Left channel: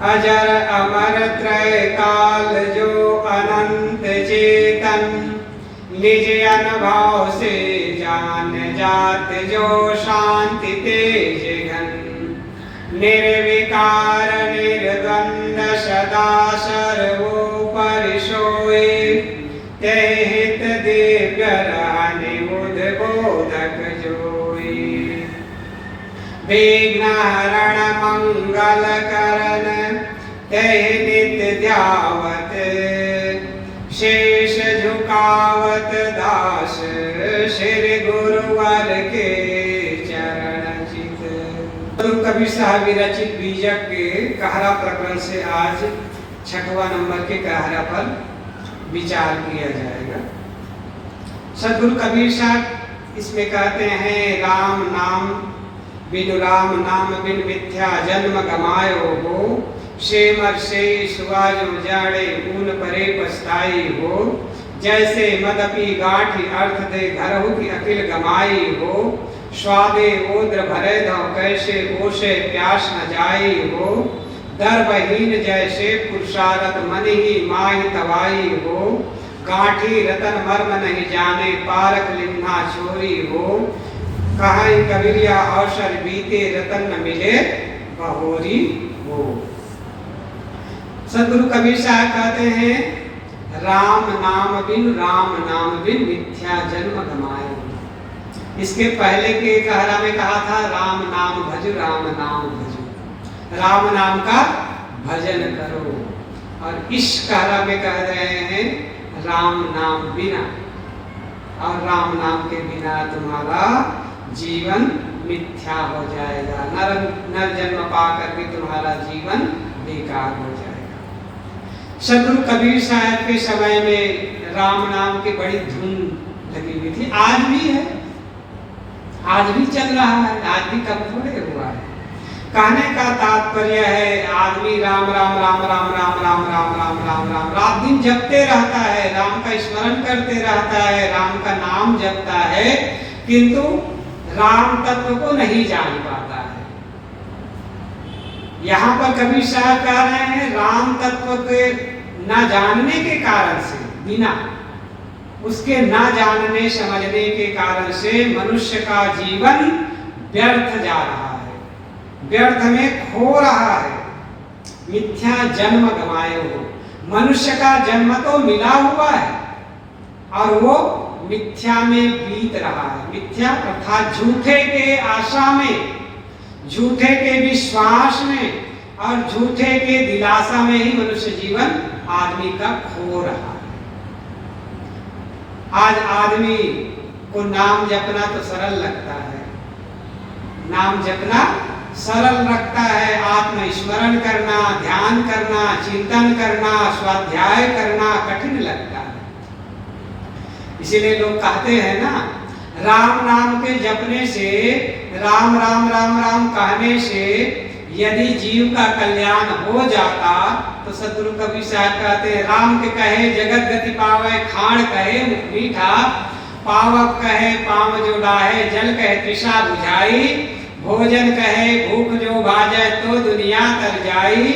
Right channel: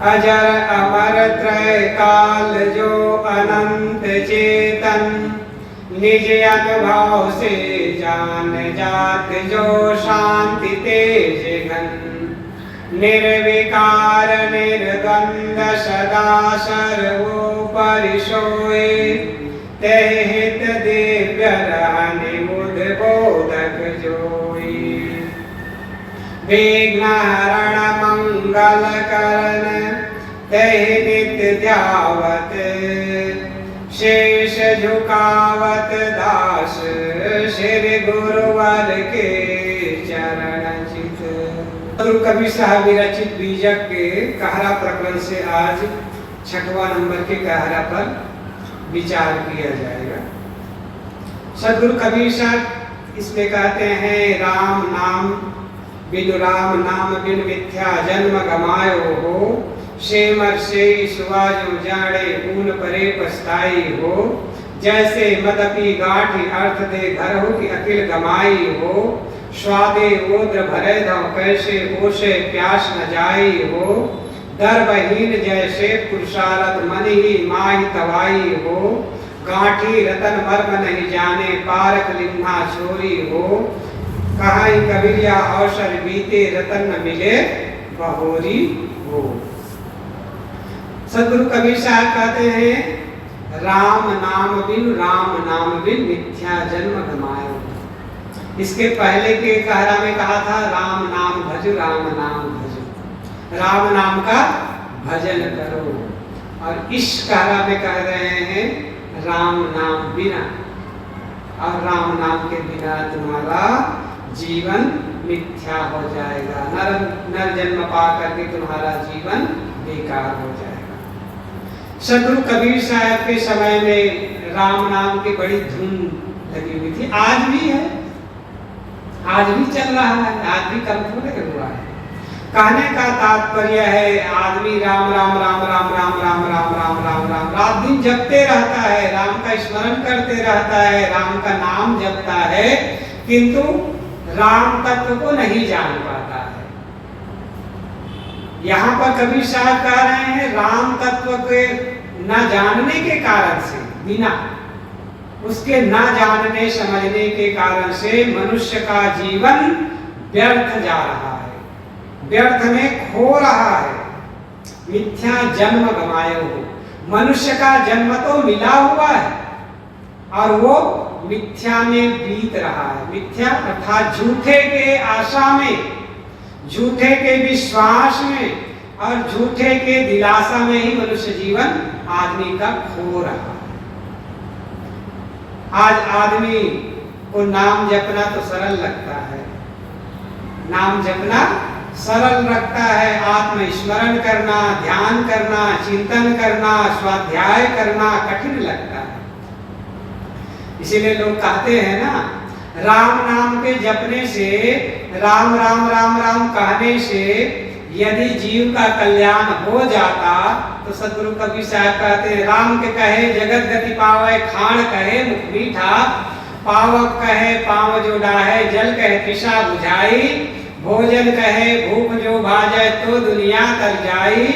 अजर अमर त्रय काल जो अनंत चेतन, निज अनुभव से जान जात जो शांति तेज घन। निर्विकार निर्गंध सदा सर्वोपरि सोए, तेहि हित दिव्य रहनि बुध बोधक जोई। विघ्न हरण मंगल करण, तेहि नित्य ध्यावत, शेष झुकावत दास श्री गुरुवर के चरण चित। गुरु कबीर साहब विरचित बीजक के कहरा प्रकरण से आज 6वां नंबर के कहरा पर विचार किया जाएगा। सदगुरु कबीर साहब इसमें कहते हैं, राम नाम बिनु राम नाम बिन मिथ्या जन्म गमायो हो, शेमर से सुवा जो जाड़े ऊन परे पछताई हो। जैसे मदपी गाठी अर्थ दे घर हो कि अकिल गमाई हो, स्वादे ओद्र भरे दो कैसे ओसे प्यास न जाई हो। दर्बहीन जैसे पुरुषारथ मन ही माही तवाई हो, गाठी रतन मर्म नहीं जाने पारक लिन्हा छोरी हो। कहाई कबीरिया अवसर बीते रतन न मिले बहोरी हो। सदगुरु कबीर साहब कहते हैं, राम नाम बिन मिथ्या जन्म गमाए। इसके पहले के कहरा में कहा था, राम नाम भजो राम नाम भजो, राम नाम का भजन करो। और इस कहरा में कह रहे हैं, राम नाम बिना, और राम नाम के बिना तुम्हारा जीवन मिथ्या हो जाएगा। नर जन्म पा करके तुम्हारा जीवन बेकार हो जाएगा। सदगुरु कबीर साहब के समय में राम नाम की बड़ी धूम लगी हुई थी, आज भी है, आज भी चल रहा है, आज भी कम थोड़े हुआ है। कहने का तात्पर्य है, आदमी राम राम राम राम राम राम राम राम राम राम रात दिन जपते रहता है, राम का स्मरण करते रहता है, राम का नाम जपता है, किंतु राम तत्व को नहीं जान पाता है। यहाँ पर कबीर साहब कह रहे हैं, राम तत्व के न जानने के कारण से, बिना उसके न जानने समझने के कारण से मनुष्य का जीवन व्यर्थ जा रहा है, व्यर्थ में खो रहा है। मिथ्या जन्म गमाए हो, मनुष्य का जन्म तो मिला हुआ है और वो मिथ्या में बीत रहा है। मिथ्या अर्थात झूठे के आशा में, झूठे के विश्वास में और झूठे के दिलासा में ही मनुष्य जीवन आदमी का खो रहा है। आज आदमी को नाम जपना तो सरल लगता है, नाम जपना सरल लगता है, आत्मस्मरण करना, ध्यान करना, चिंतन करना, स्वाध्याय करना कठिन लगता है। इसीलिए लोग कहते हैं ना, राम नाम के जपने से, राम राम राम राम कहने से यदि जीव का कल्याण हो जाता तो सदगुरु कबीर साहब कहते हैं, राम के कहे जगत गति पावे, खाण कहे मुख मीठा, पावक कहे पांव जो डाहे, जल कहे तृषा बुझाई, भोजन कहे भूख जो भाजै तो दुनिया तर जाई।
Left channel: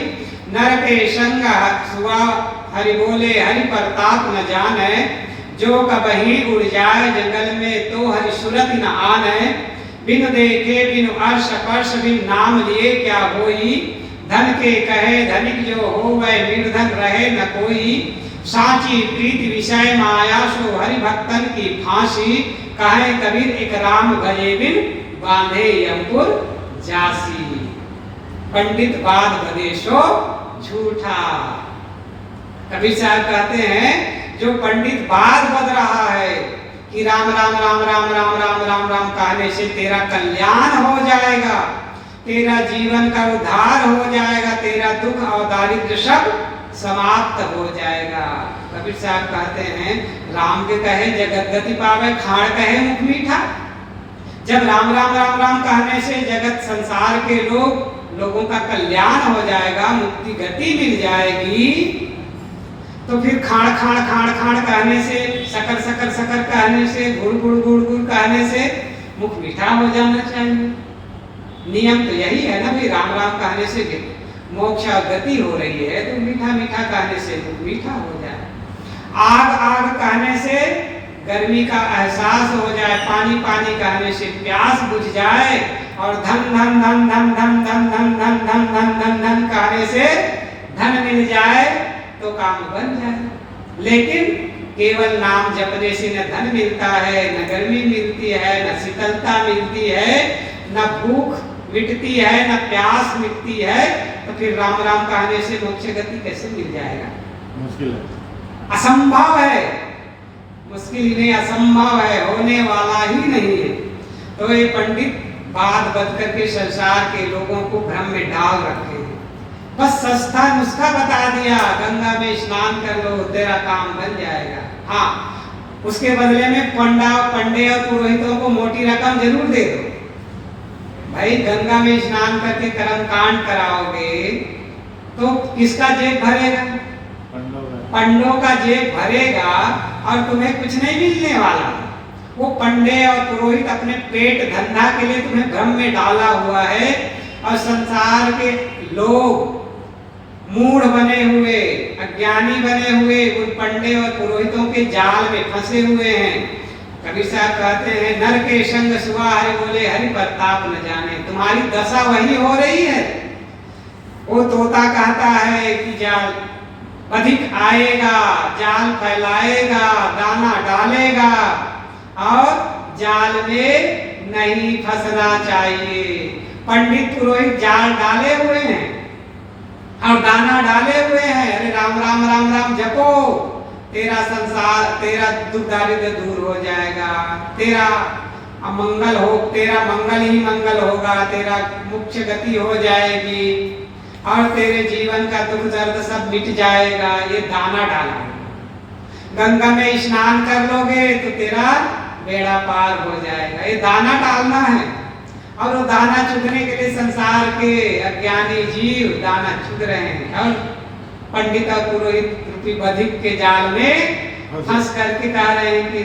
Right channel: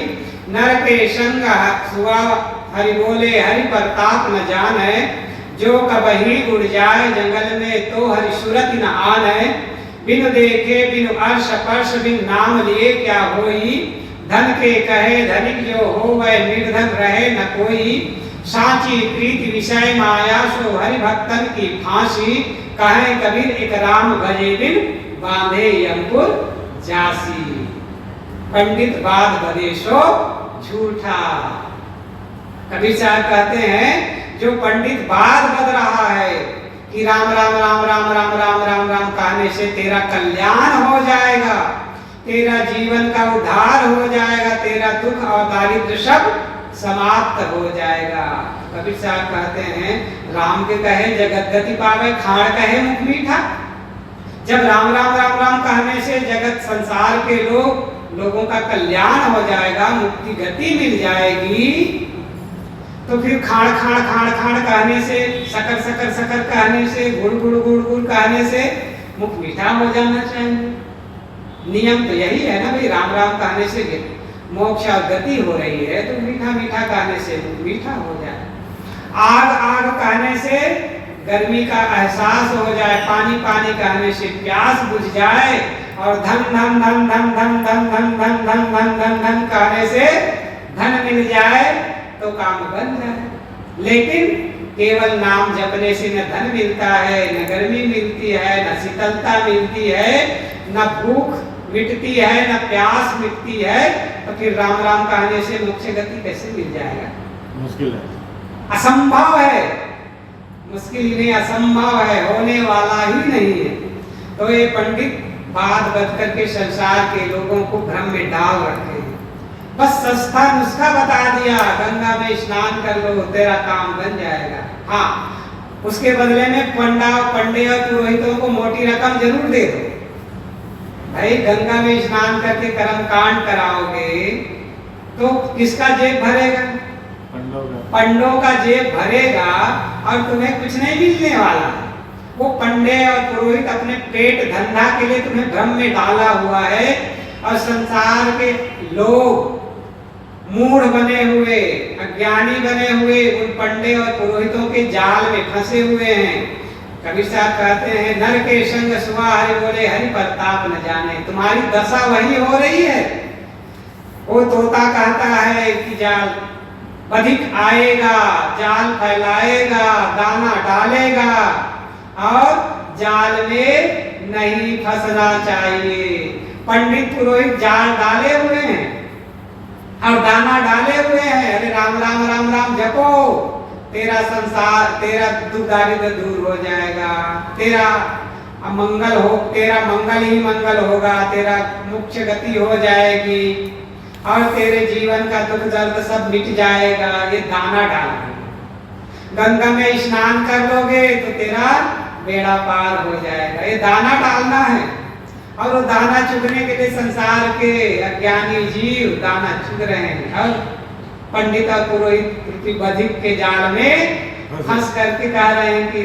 नर के संग सुआ हरि बोले हरि प्रताप न जाने, जो कबही उड़ जाए जंगल में तो हरि सूरत न आने। बिनु देखे बिनु अर्श स्पर्श बिन नाम लिए क्या होई, धन के कहे धनिक जो हो वह निर्धन रहे न कोई। साची प्रीति विषय माया सो हरि भक्तन की फांसी, कहे कबीर एक राम भजे बिन बांधे अंकुर जासी। पंडित बाद बदेशो झूठा। कबीर साहब कहते हैं, जो पंडित बाद बद रहा है कि राम राम राम राम राम राम राम राम कहने से तेरा कल्याण हो जाएगा, तेरा जीवन का उद्धार हो जाएगा, तेरा दुख और दारिद्र सब समाप्त हो जाएगा। कबीर साहब कहते हैं, राम के कहे जगत गति पावे, खाण कहे मुख मीठा। जब राम राम राम राम कहने से जगत संसार के लोगों का कल्याण हो जाएगा, मुक्ति गति मिल जाएगी, तो फिर खाण खाण खाण खाण कहने से, सकर सकर सकर कहने से, गुड़ गुड़ गुड़ गुड़ कहने से मुख मीठा हो जाना चाहिए। नियम तो यही है ना भाई, राम राम कहने से मोक्ष गति हो रही है तो मीठा मीठा कहने से वो मीठा हो जाए। आग आग कहने से गर्मी का एहसास हो जाए, पानी पानी कहने से प्यास बुझ जाए, और धन धन धन धन धन धन धन धन धन धन धन धन कहने से धन मिल जाए तो काम बन जाए। लेकिन केवल नाम जपने से न धन मिलता है, न गर्मी मिलती है, न शीतलता मिलती है, न भूख मिटती है, न प्यास मिटती है, तो फिर राम राम कहने से मोक्ष गति कैसे मिल जाएगा? मुश्किल है, असंभव है, मुश्किल में असंभव है, होने वाला ही नहीं है। तो ये पंडित बात बत करके संसार के लोगों को भ्रम में डाल रखे हैं। बस सस्ता नुस्खा बता दिया, गंगा में स्नान कर लो तेरा काम बन जाएगा। हाँ, उसके बदले में पंडे और पुरोहितों को मोटी रकम जरूर दे दो। भाई गंगा में स्नान करके कर्म कांड कराओगे तो किसका जेब भरेगा? पंडों का जेब भरेगा, और तुम्हें कुछ नहीं मिलने वाला। वो पंडे और पुरोहित अपने पेट धंधा के लिए तुम्हें भ्रम में डाला हुआ है, और संसार के लोग मूढ़ बने हुए, अज्ञानी बने हुए उन पंडे और पुरोहितों के जाल में फंसे हुए हैं। कबीर साहब कहते हैं, नर के संग सुआ हरि बोले, हरि प्रताप न जाने। तुम्हारी दशा वही हो रही है। वो तोता कहता है कि जाल अधिक आएगा, जाल फैलाएगा, दाना डालेगा, और जाल में नहीं फंसना चाहिए। पंडित पुरोहित जाल डाले हुए हैं और दाना डाले हुए हैं। अरे राम राम राम राम जपो, तेरा संसार, तेरा दुख दारिद्र दूर हो जाएगा, तेरा मंगल हो, तेरा मंगल ही मंगल होगा, तेरा मोक्ष गति हो जाएगी, और तेरे जीवन का दुख दर्द सब मिट जाएगा। ये दाना डालो। गंगा में स्नान कर लोगे तो तेरा बेड़ा पार हो जाएगा। ये दाना डालना है, और वो दाना चुगने के लिए संसार के अज्ञानी जीव दाना चुग रहे हैं, और पंडित और पुरोहित बधिक के जाल में फंस करके कह रहे हैं कि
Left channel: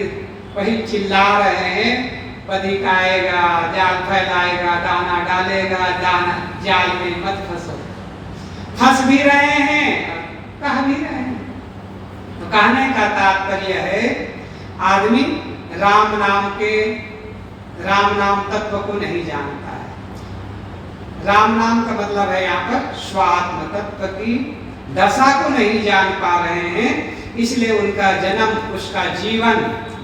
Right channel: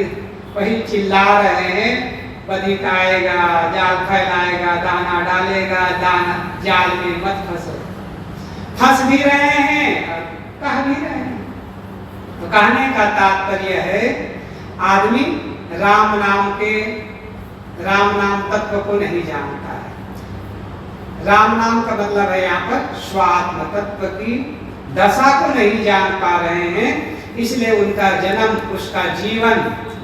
वही चिल्ला रहे हैं, बधिक आएगा, जाल फैलाएगा, दाना डालेगा, दाना जाल में मत फंसो। फंस भी रहे हैं और कह भी रहे हैं। तो कहने का तात्पर्य है, आदमी राम नाम तत्व को नहीं जानता है। राम नाम का मतलब है यहाँ पर स्वात्म तत्व की दशा को नहीं जान पा रहे हैं, इसलिए उनका जन्म, उसका जीवन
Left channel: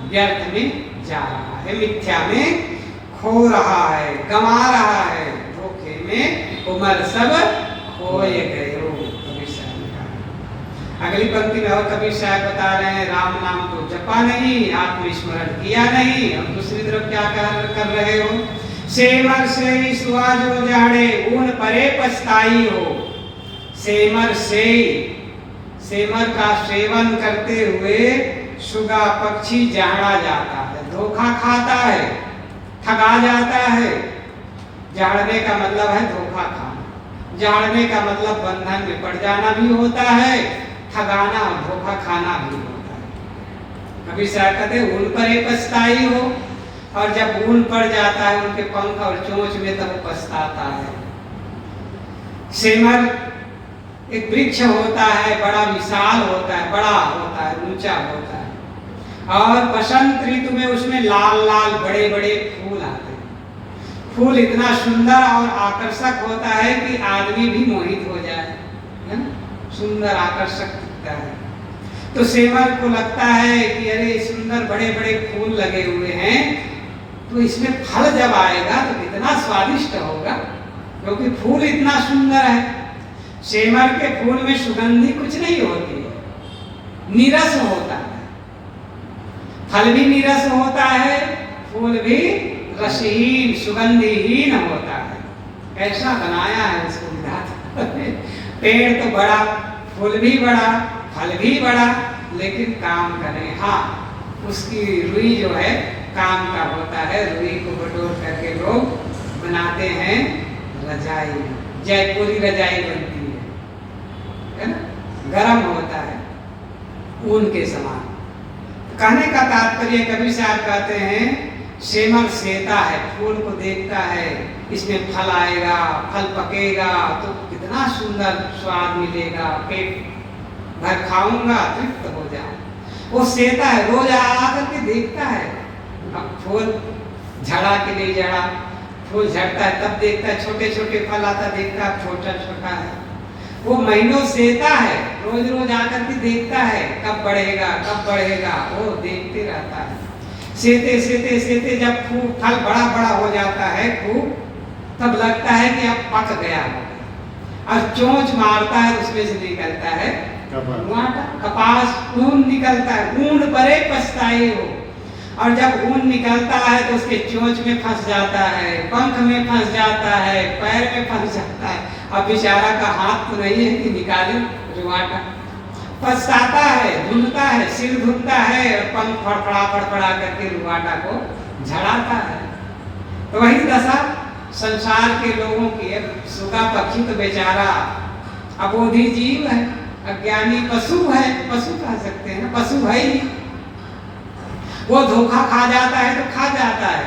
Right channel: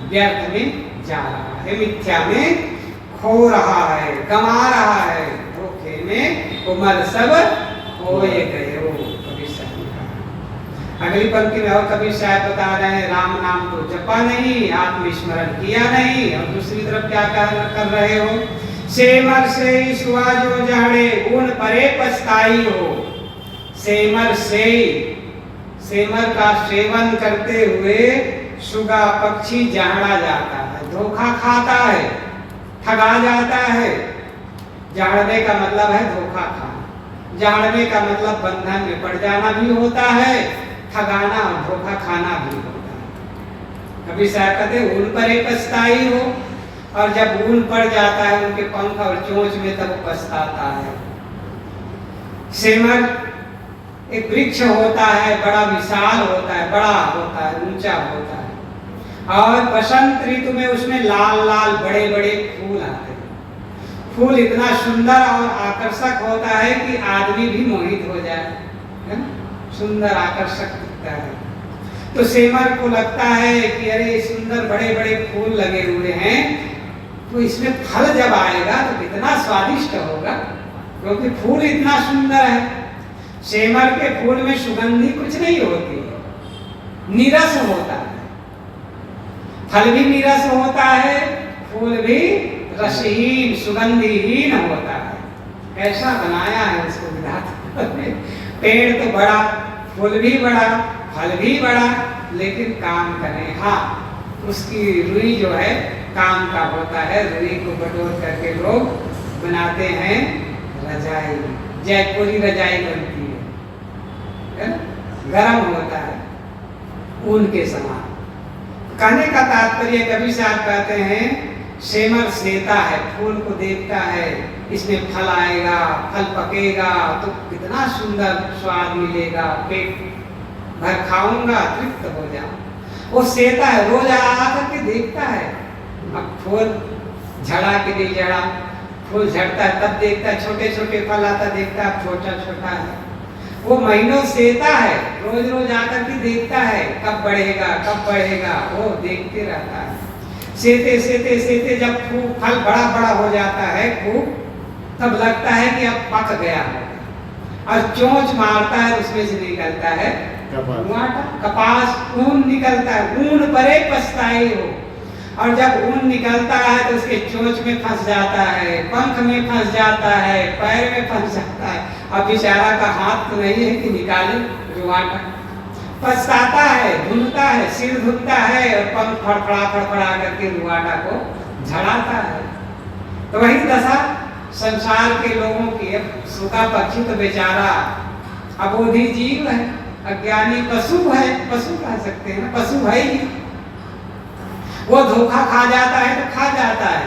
व्यर्थ में जा रहा है, मिथ्या में खो रहा है, गंवा रहा है, धोखे में उम्र सब खोए गए हो। कबीर साहब ने कहा। अगली पंक्ति में और कबीर साहब बता रहे हैं, राम नाम तो जपा नहीं, आत्मस्मरण किया नहीं, और दूसरी तरफ क्या कर रहे हो? सेमर से सुआ जो जाड़े, उन परे पछताई हो। सेमर से, सेमर का सेवन करते हुए सुगा पक्षी जाड़ा जाता है, धोखा खाता है, ठगा जाता है। जाड़ने का मतलब है धोखा खाना, जाड़ने का मतलब बंधन में पड़ जाना भी होता है, ठगाना और धोखा खाना भी होता है। कभी साहब कहते हैं ऊन पर एक पछताई हो, और जब ऊन पड़ जाता है उनके पंख और चोंच में तब वो पछताता है। सेमर एक वृक्ष होता है, बड़ा विशाल होता है, बड़ा होता है, ऊंचा होता है, और बसंत ऋतु में उसमें लाल लाल बड़े बड़े फूल आते हैं। फूल इतना सुंदर और आकर्षक होता है कि आदमी भी मोहित हो जाए, है ना? सुंदर आकर्षक दिखता है। तो सेमर को लगता है कि अरे सुंदर बड़े बड़े फूल लगे हुए हैं, तो इसमें फल जब आएगा तो कितना स्वादिष्ट होगा, क्योंकि फूल इतना सुंदर है। सेमर के फूल में सुगंधी कुछ नहीं होती है, नीरस होता है। फल भी नीरस होता है, फूल भी रसहीन सुगंधिहीन होता है। ऐसा बनाया है उसको विधाता ने। पेड़ तो बड़ा, फूल भी बड़ा, फल भी बड़ा, लेकिन काम करें। हाँ, उसकी रुई जो है काम का होता है। रुई को बटोर करके लोग बनाते हैं रजाई, जयपुरी रजाई बनती है ना? गरम होता है, ऊन के समान। कहने का तात्पर्य कबीर साहब कहते हैं, सेमर सेता है, फूल को देखता है, इसमें फल आएगा, फल पकेगा तो कितना सुंदर स्वाद मिलेगा, पेट भर खाऊंगा, तृप्त हो जाऊं। वो सेता है, रोज आकर के देखता है। अब फूल झड़ा कि नहीं झड़ा, फूल झड़ता है तब देखता है, छोटे छोटे फल आता देखता है, छोटा छोटा है। वो महीनों सेता है, रोज रोज आकर के देखता है कब बढ़ेगा कब बढ़ेगा, वो देखते रहता है। सेते सेते सेते जब खूब फल बड़ा बड़ा हो जाता है खूब, तब लगता है कि अब पक गया है। और चोंच मारता है, उसमें से निकलता है कपास, ऊन निकलता है। ऊन परे पछताए हो, और जब ऊन निकलता है तो उसके चोंच में फंस जाता है, पंख में फंस जाता है, पैर में फंस जाता है। अब बेचारा का हाथ तो नहीं है कि निकाले रुआटा, पछताता है, धुलता है, सिर धुलता है और पंख फड़फड़ा फड़फड़ा करके रुआटा को झड़ाता है। तो वही दशा संसार के लोगों की। सूखा पक्षी तो बेचारा अबोधी जीव है, अज्ञानी पशु है, पशु कह सकते हैं ना, पशु है ही। वो धोखा खा जाता है तो खा जाता है,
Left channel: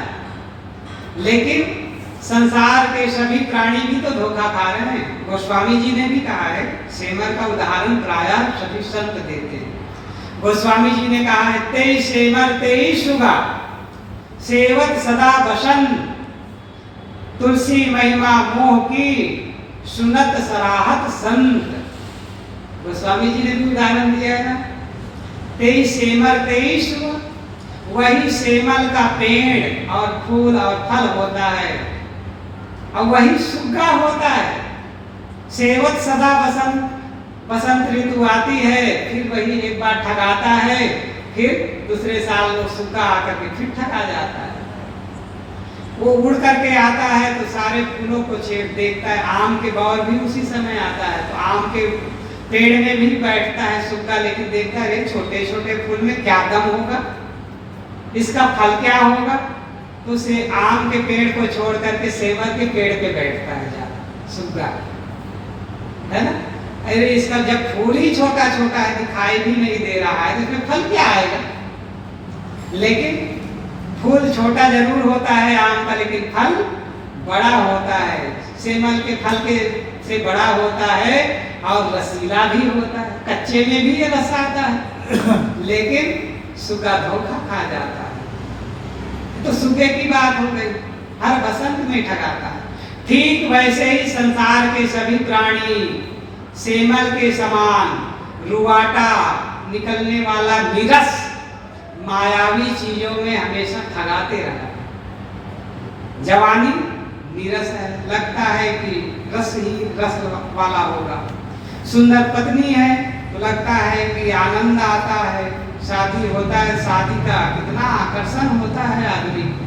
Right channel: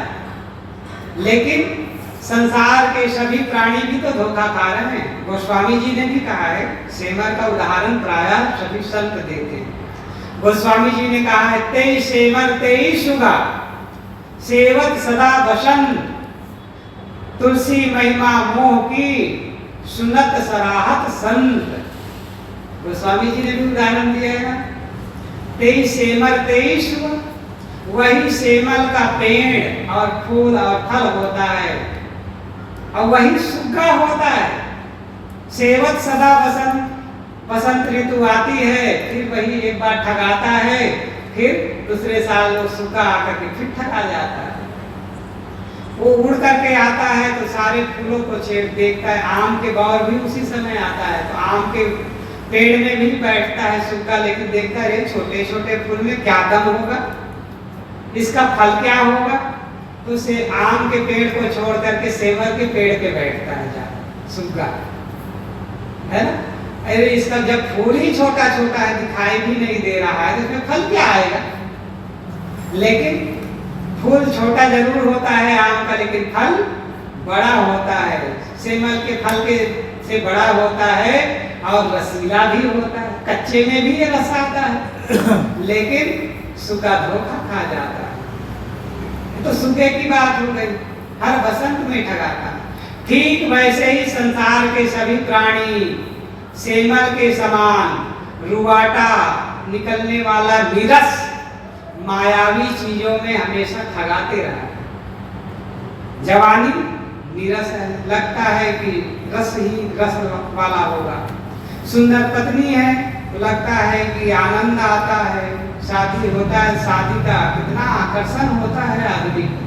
लेकिन संसार के सभी प्राणी भी तो धोखा खा रहे हैं। गोस्वामी जी ने भी कहा है, सेमर का उदाहरण प्रायः सभी संत देते हैं। गोस्वामी जी ने कहा है, तेई सेमर तेई सुगा, सेवत सदा बसंत, तुलसी महिमा मोह की, सुनत सराहत संत। गोस्वामी जी ने भी उदाहरण दिया है ना, तेई सेमर तेई सुगा, वही सेमल का पेड़ और फूल और फल होता है, और वही सुग्गा होता है। सेवत सदा बसंत, बसंत ऋतु आती है, फिर वही एक बार ठगाता है, फिर दूसरे साल वो सुग्गा आकर के फिर ठगा जाता है। वो उड़ करके आता है तो सारे फूलों को छेड़ देखता है। आम के बौर भी उसी समय आता है, तो आम के पेड़ में भी बैठता है सुग्गा, लेकिन देखता है छोटे छोटे फूल में क्या दम होगा, इसका फल क्या होगा, तो उसे आम के पेड़ को छोड़ करके सेमर के पेड़ पे बैठता है जा सुग्गा, है ना। अरे इसका जब फूल ही छोटा छोटा है, दिखाई भी नहीं दे रहा है, तो इसमें फल क्या आएगा। लेकिन फूल छोटा जरूर होता है आम का, लेकिन फल बड़ा होता है। सेमल के फल के से बड़ा होता है और रसीला भी होता है, कच्चे में भी ये रस आता है, लेकिन सुग्गा धोखा खा जाता है। तो सुग्गे की बात हो गई, हर बसंत में ठगाता है। ठीक वैसे ही संसार के सभी प्राणी सेमल के समान रुआटा निकलने वाला नीरस मायावी चीजों में हमेशा ठगाते रहा। जवानी नीरस है, लगता है कि रस ही रस वाला होगा। सुंदर पत्नी है तो लगता है कि आनंद आता है। शादी होता है, शादी का कितना आकर्षण होता है आदमी को,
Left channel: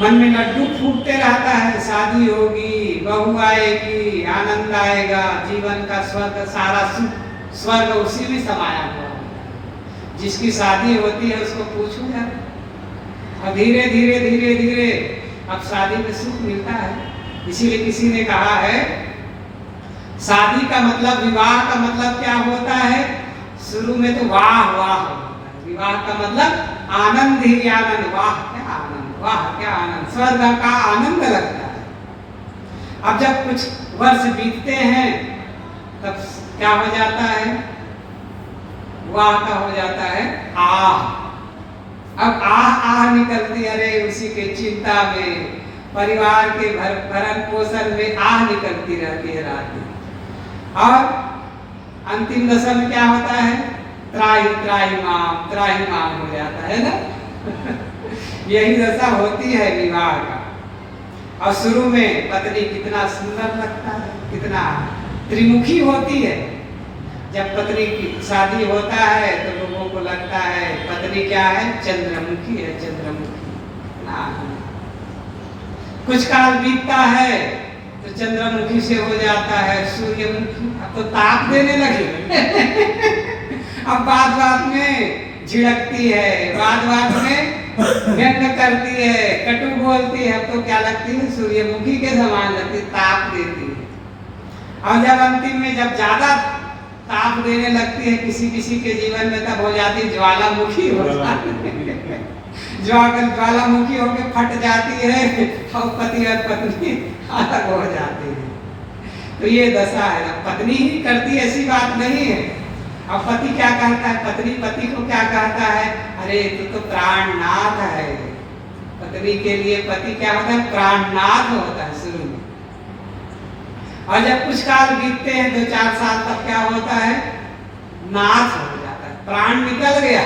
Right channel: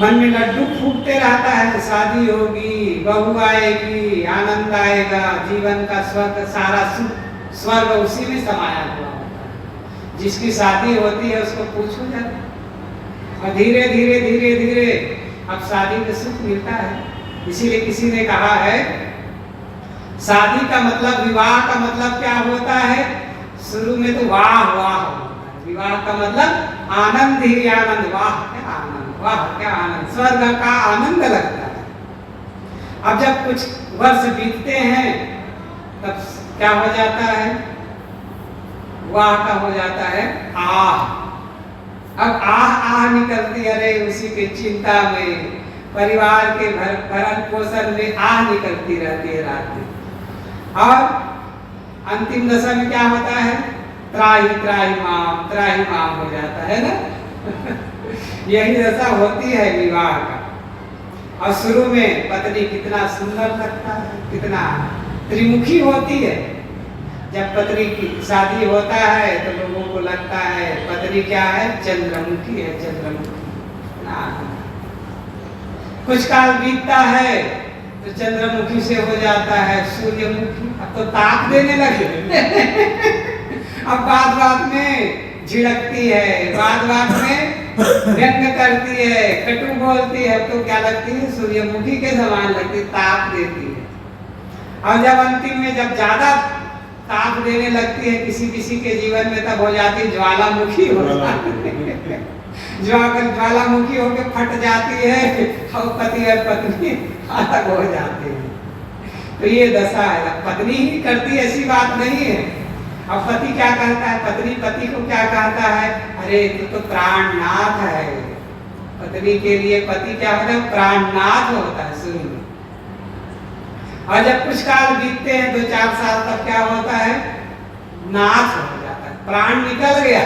मन में लड्डू फूटते रहता है, शादी होगी, बहू आएगी, आनंद आएगा, जीवन का स्वर्ग, सारा स्वर्ग उसी में समाया हुआ है। जिसकी शादी होती है उसको पूछो जाए, और धीरे धीरे धीरे धीरे अब शादी में सुख मिलता है। इसीलिए किसी ने कहा है, शादी का मतलब, विवाह का मतलब क्या होता है। शुरू में तो वाह वाह होता है, विवाह का मतलब आनंद ही आनंद, वाह क्या आनंद, वाह क्या आनंद, स्वर्ग का आनंद लगता है। अब जब कुछ वर्ष बीतते हैं तब क्या हो जाता है, वाह का हो जाता है आह। अब आह आह निकलती है, अरे उसी के चिंता में, परिवार के भरण पोषण में आह निकलती रहती है रात दिन। और अंतिम दशा में क्या होता है, त्राही त्राही माम हो जाता है ना। यही दशा होती है विवाह का। और शुरू में पत्नी कितना सुंदर लगता है, कितना त्रिमुखी होती है। जब पत्नी की शादी होता है तो लोगों को लगता है पत्नी क्या है, चंद्रमुखी है, चंद्रमुखी। कुछ काल बीतता है तो चंद्रमुखी से हो जाता है सूर्यमुखी। अब तो ताक देने लगे। अब बात बात में झिड़कती है, बात बात में व्यंग करती है, कटु बोलती है। अब तो क्या लगती है, सूर्यमुखी के समान लगती, ताक देती है। और जब अंतिम में जब ज्यादा ताप देने लगती है, किसी किसी के जीवन में तब हो जाती ज्वालामुखी हो जाती है, ज्वालामुखी होकर फट जाती है और पति और पत्नी अलग हो जाती है। तो ये दशा है, पत्नी ही करती ऐसी बात नहीं है। अब पति क्या कहता है, पत्नी पति को क्या कहता है, अरे तू तो प्राणनाथ है। पत्नी के लिए पति क्या होता है, प्राणनाथ होता है शुरू में। और जब कुछ काल बीतते हैं 2-4 साल, तब क्या होता है, नाथ हो जाता है, प्राण निकल गया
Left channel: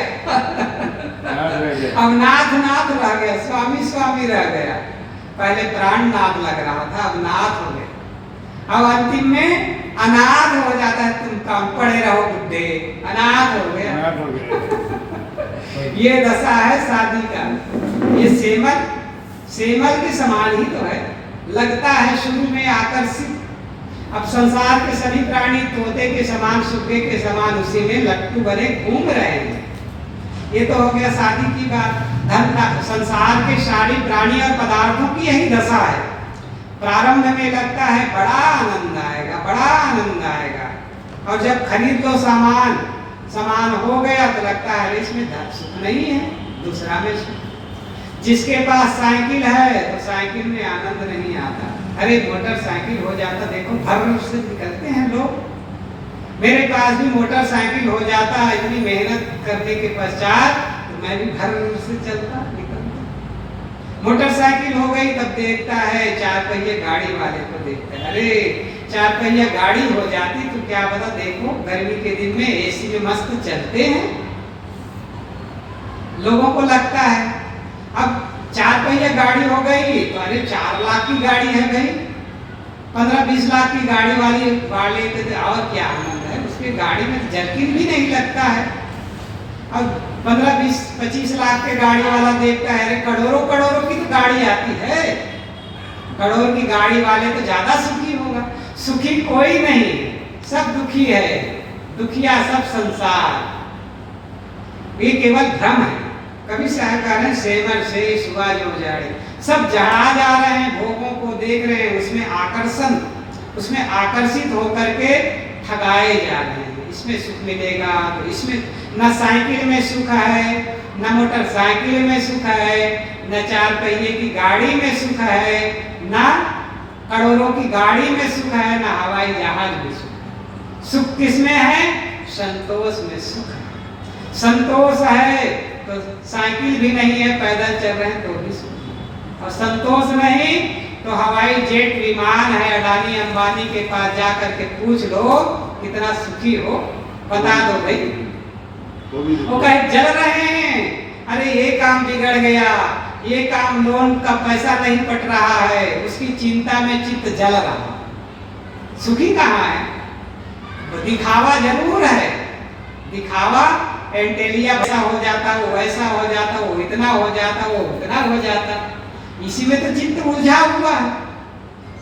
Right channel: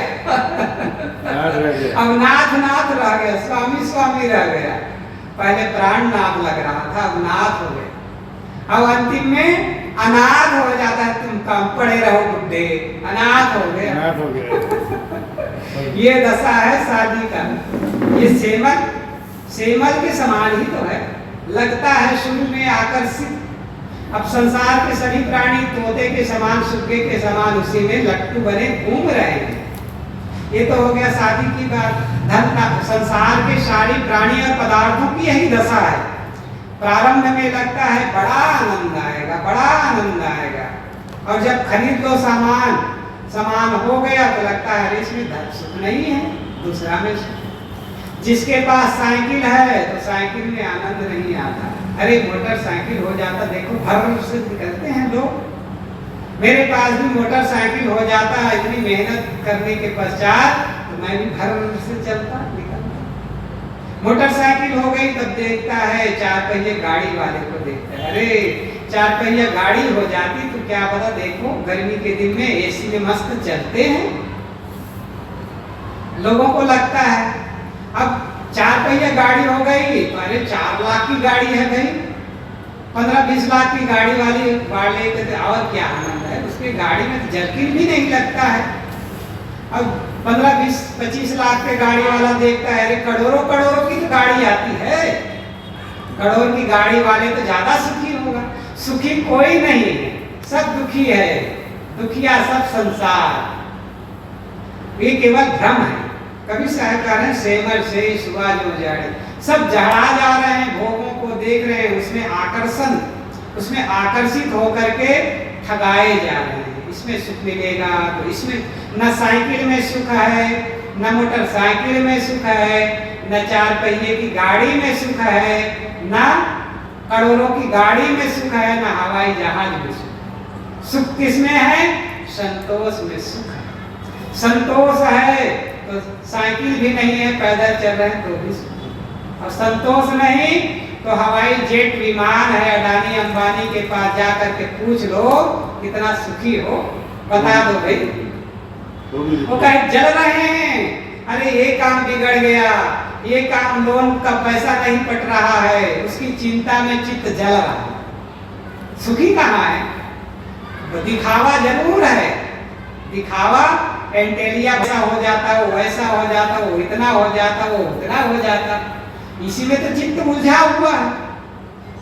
अब नाथ नाथ रह गया, स्वामी स्वामी रह गया। पहले प्राण नाथ लग रहा था, अब नाथ हो गया। अब अंतिम में अनाथ हो जाता है, तुम काम पड़े रहो बुड्ढे, अनाथ हो गया ये दशा है शादी का। ये सेमल के समान ही तो है, लगता है शुरू में आकर्षित। अब संसार के सभी प्राणी तोते के समान, सुग्गे के समान उसी में लट्टू बने घूम रहे हैं। ये तो हो गया शादी की बात। धन का संसार के सारी प्राणी और पदार्थों की यही दशा है। प्रारंभ में लगता है बड़ा आनंद आएगा, बड़ा आनंद आएगा, और जब खरीद लो सामान हो गया तो लगता है इसमें धन सुख नहीं है, दूसरा में सुख। जिसके पास साइकिल है तो साइकिल में आनंद नहीं आता, अरे मोटरसाइकिल हो जाता, देखो भर से निकलते हैं लोग। मेरे पास भी मोटरसाइकिल हो जाता है, इतनी मेहनत करने के पश्चात तो मैं भी भर से चलता निकलता। मोटरसाइकिल हो गई तब देखता है 4 पहिए गाड़ी वाले को देखता है, अरे 4 पहिया गाड़ी हो जाती तो क्या पता, देखो गर्मी के दिन में एसी में मस्त चलते हैं। लोगों को लगता है अब 4 पहिया गाड़ी हो गई तो अरे 4 लाख की गाड़ी है भाई, 15-20 लाख की गाड़ी वाले और क्या आनंद है, उसके गाड़ी में जर्किन भी नहीं लगता है। अब 15-20-25 लाख के गाड़ी वाला देखता है, अरे करोड़ों की तो गाड़ी आती है, करोड़ की गाड़ी वाले तो ज्यादा सुखी होगा। सुखी कोई नहीं है, सब दुखी है, दुखिया सब संसार। ये केवल भ्रम है। कभी साहबकार हैं सेमर से सुबह जो जाड़े, सब जड़ा जा रहे हैं, भोगों को देख रहे हैं, उसमें आकर्षित होकर के ठगाए जा रहे हैं। इसमें सुख मिलेगा तो इसमें, न साइकिल में सुख है, न मोटरसाइकिल में सुख है, न 4 पहिए की गाड़ी में सुख है, न करोड़ों की गाड़ी में सुख है, न हवाई जहाज में सुख। सुख किसमें है, संतोष में सुख है। संतोष है तो साइकिल भी नहीं है, पैदल चल रहे हैं तो भी सुख है। और संतोष नहीं तो हवाई जेट विमान है, अडानी अंबानी के पास जाकर के पूछ लो कितना सुखी हो, बता दो भाई। वो कहे जल रहे हैं, अरे ये काम बिगड़ गया, ये काम लोन का पैसा नहीं पट रहा है, उसकी चिंता में चित्त जल रहा है। सुखी कहाँ है? तो दिखावा जरूर है, दिखावा एंटेलिया ऐसा हो जाता, वो ऐसा हो जाता, वो इतना हो जाता, वो उतना हो जाता, इसी में तो चित्त उलझा हुआ है।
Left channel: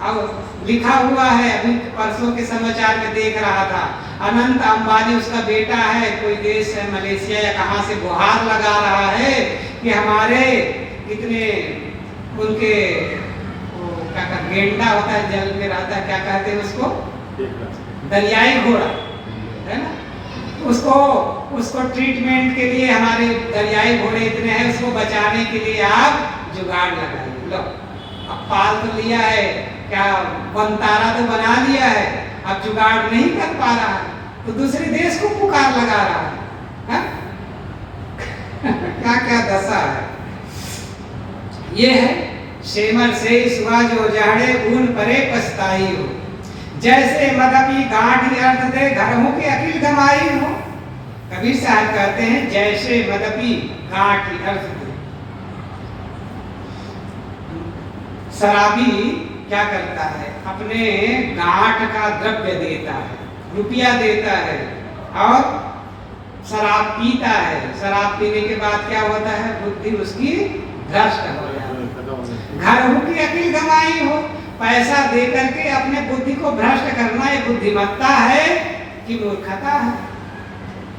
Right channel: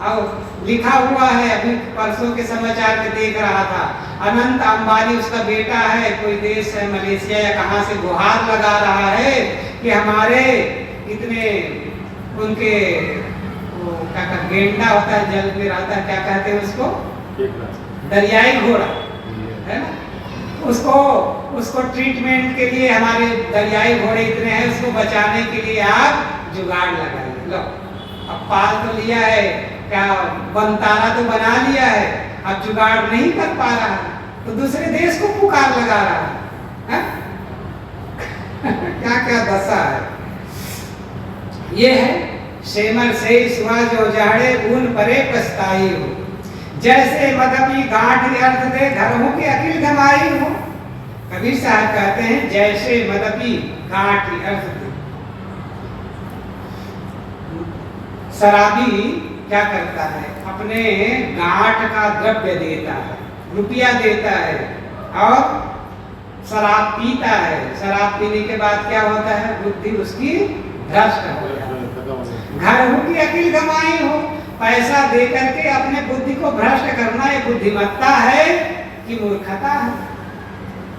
अब लिखा हुआ है, अभी परसों के समाचार में देख रहा था, अनंत अंबानी उसका बेटा है, कोई देश है मलेशिया या कहां से गुहार लगा रहा है कि हमारे इतने उनके वो क्या कहते, गेंडा होता है जल में रहता है, क्या कहते हैं उसको, दरियाई घोड़ा है ना, उसको ट्रीटमेंट के लिए हमारे दरियाई घोड़े इतने हैं, उसको बचाने के लिए आप जुगाड़ लगाइए। लो अब पाल तो लिया है, क्या बनतारा तो बना लिया है, अब जुगाड़ नहीं कर पा रहा है तो दूसरे देश को पुकार लगा रहा है, क्या क्या दशा है। ये है सेमर से सुहा जो जाड़े ऊन परे पछताई हो, जैसे मदपी गांठ अर्थ दे घरों के अकिल गमाई हो। कबीर साहब कहते हैं जैसे मदपी गांठ अर्थ दे। शराबी क्या करता है, अपने गांठ का द्रव्य देता है, रुपया देता है और शराब पीता है। शराब पीने के बाद क्या होता है, बुद्धि उसकी भ्रष्ट हो जाती है। घर की अकिल गमाई हो, पैसा दे करके अपने बुद्धि को भ्रष्ट करना ये बुद्धिमत्ता है कि मूर्खता है,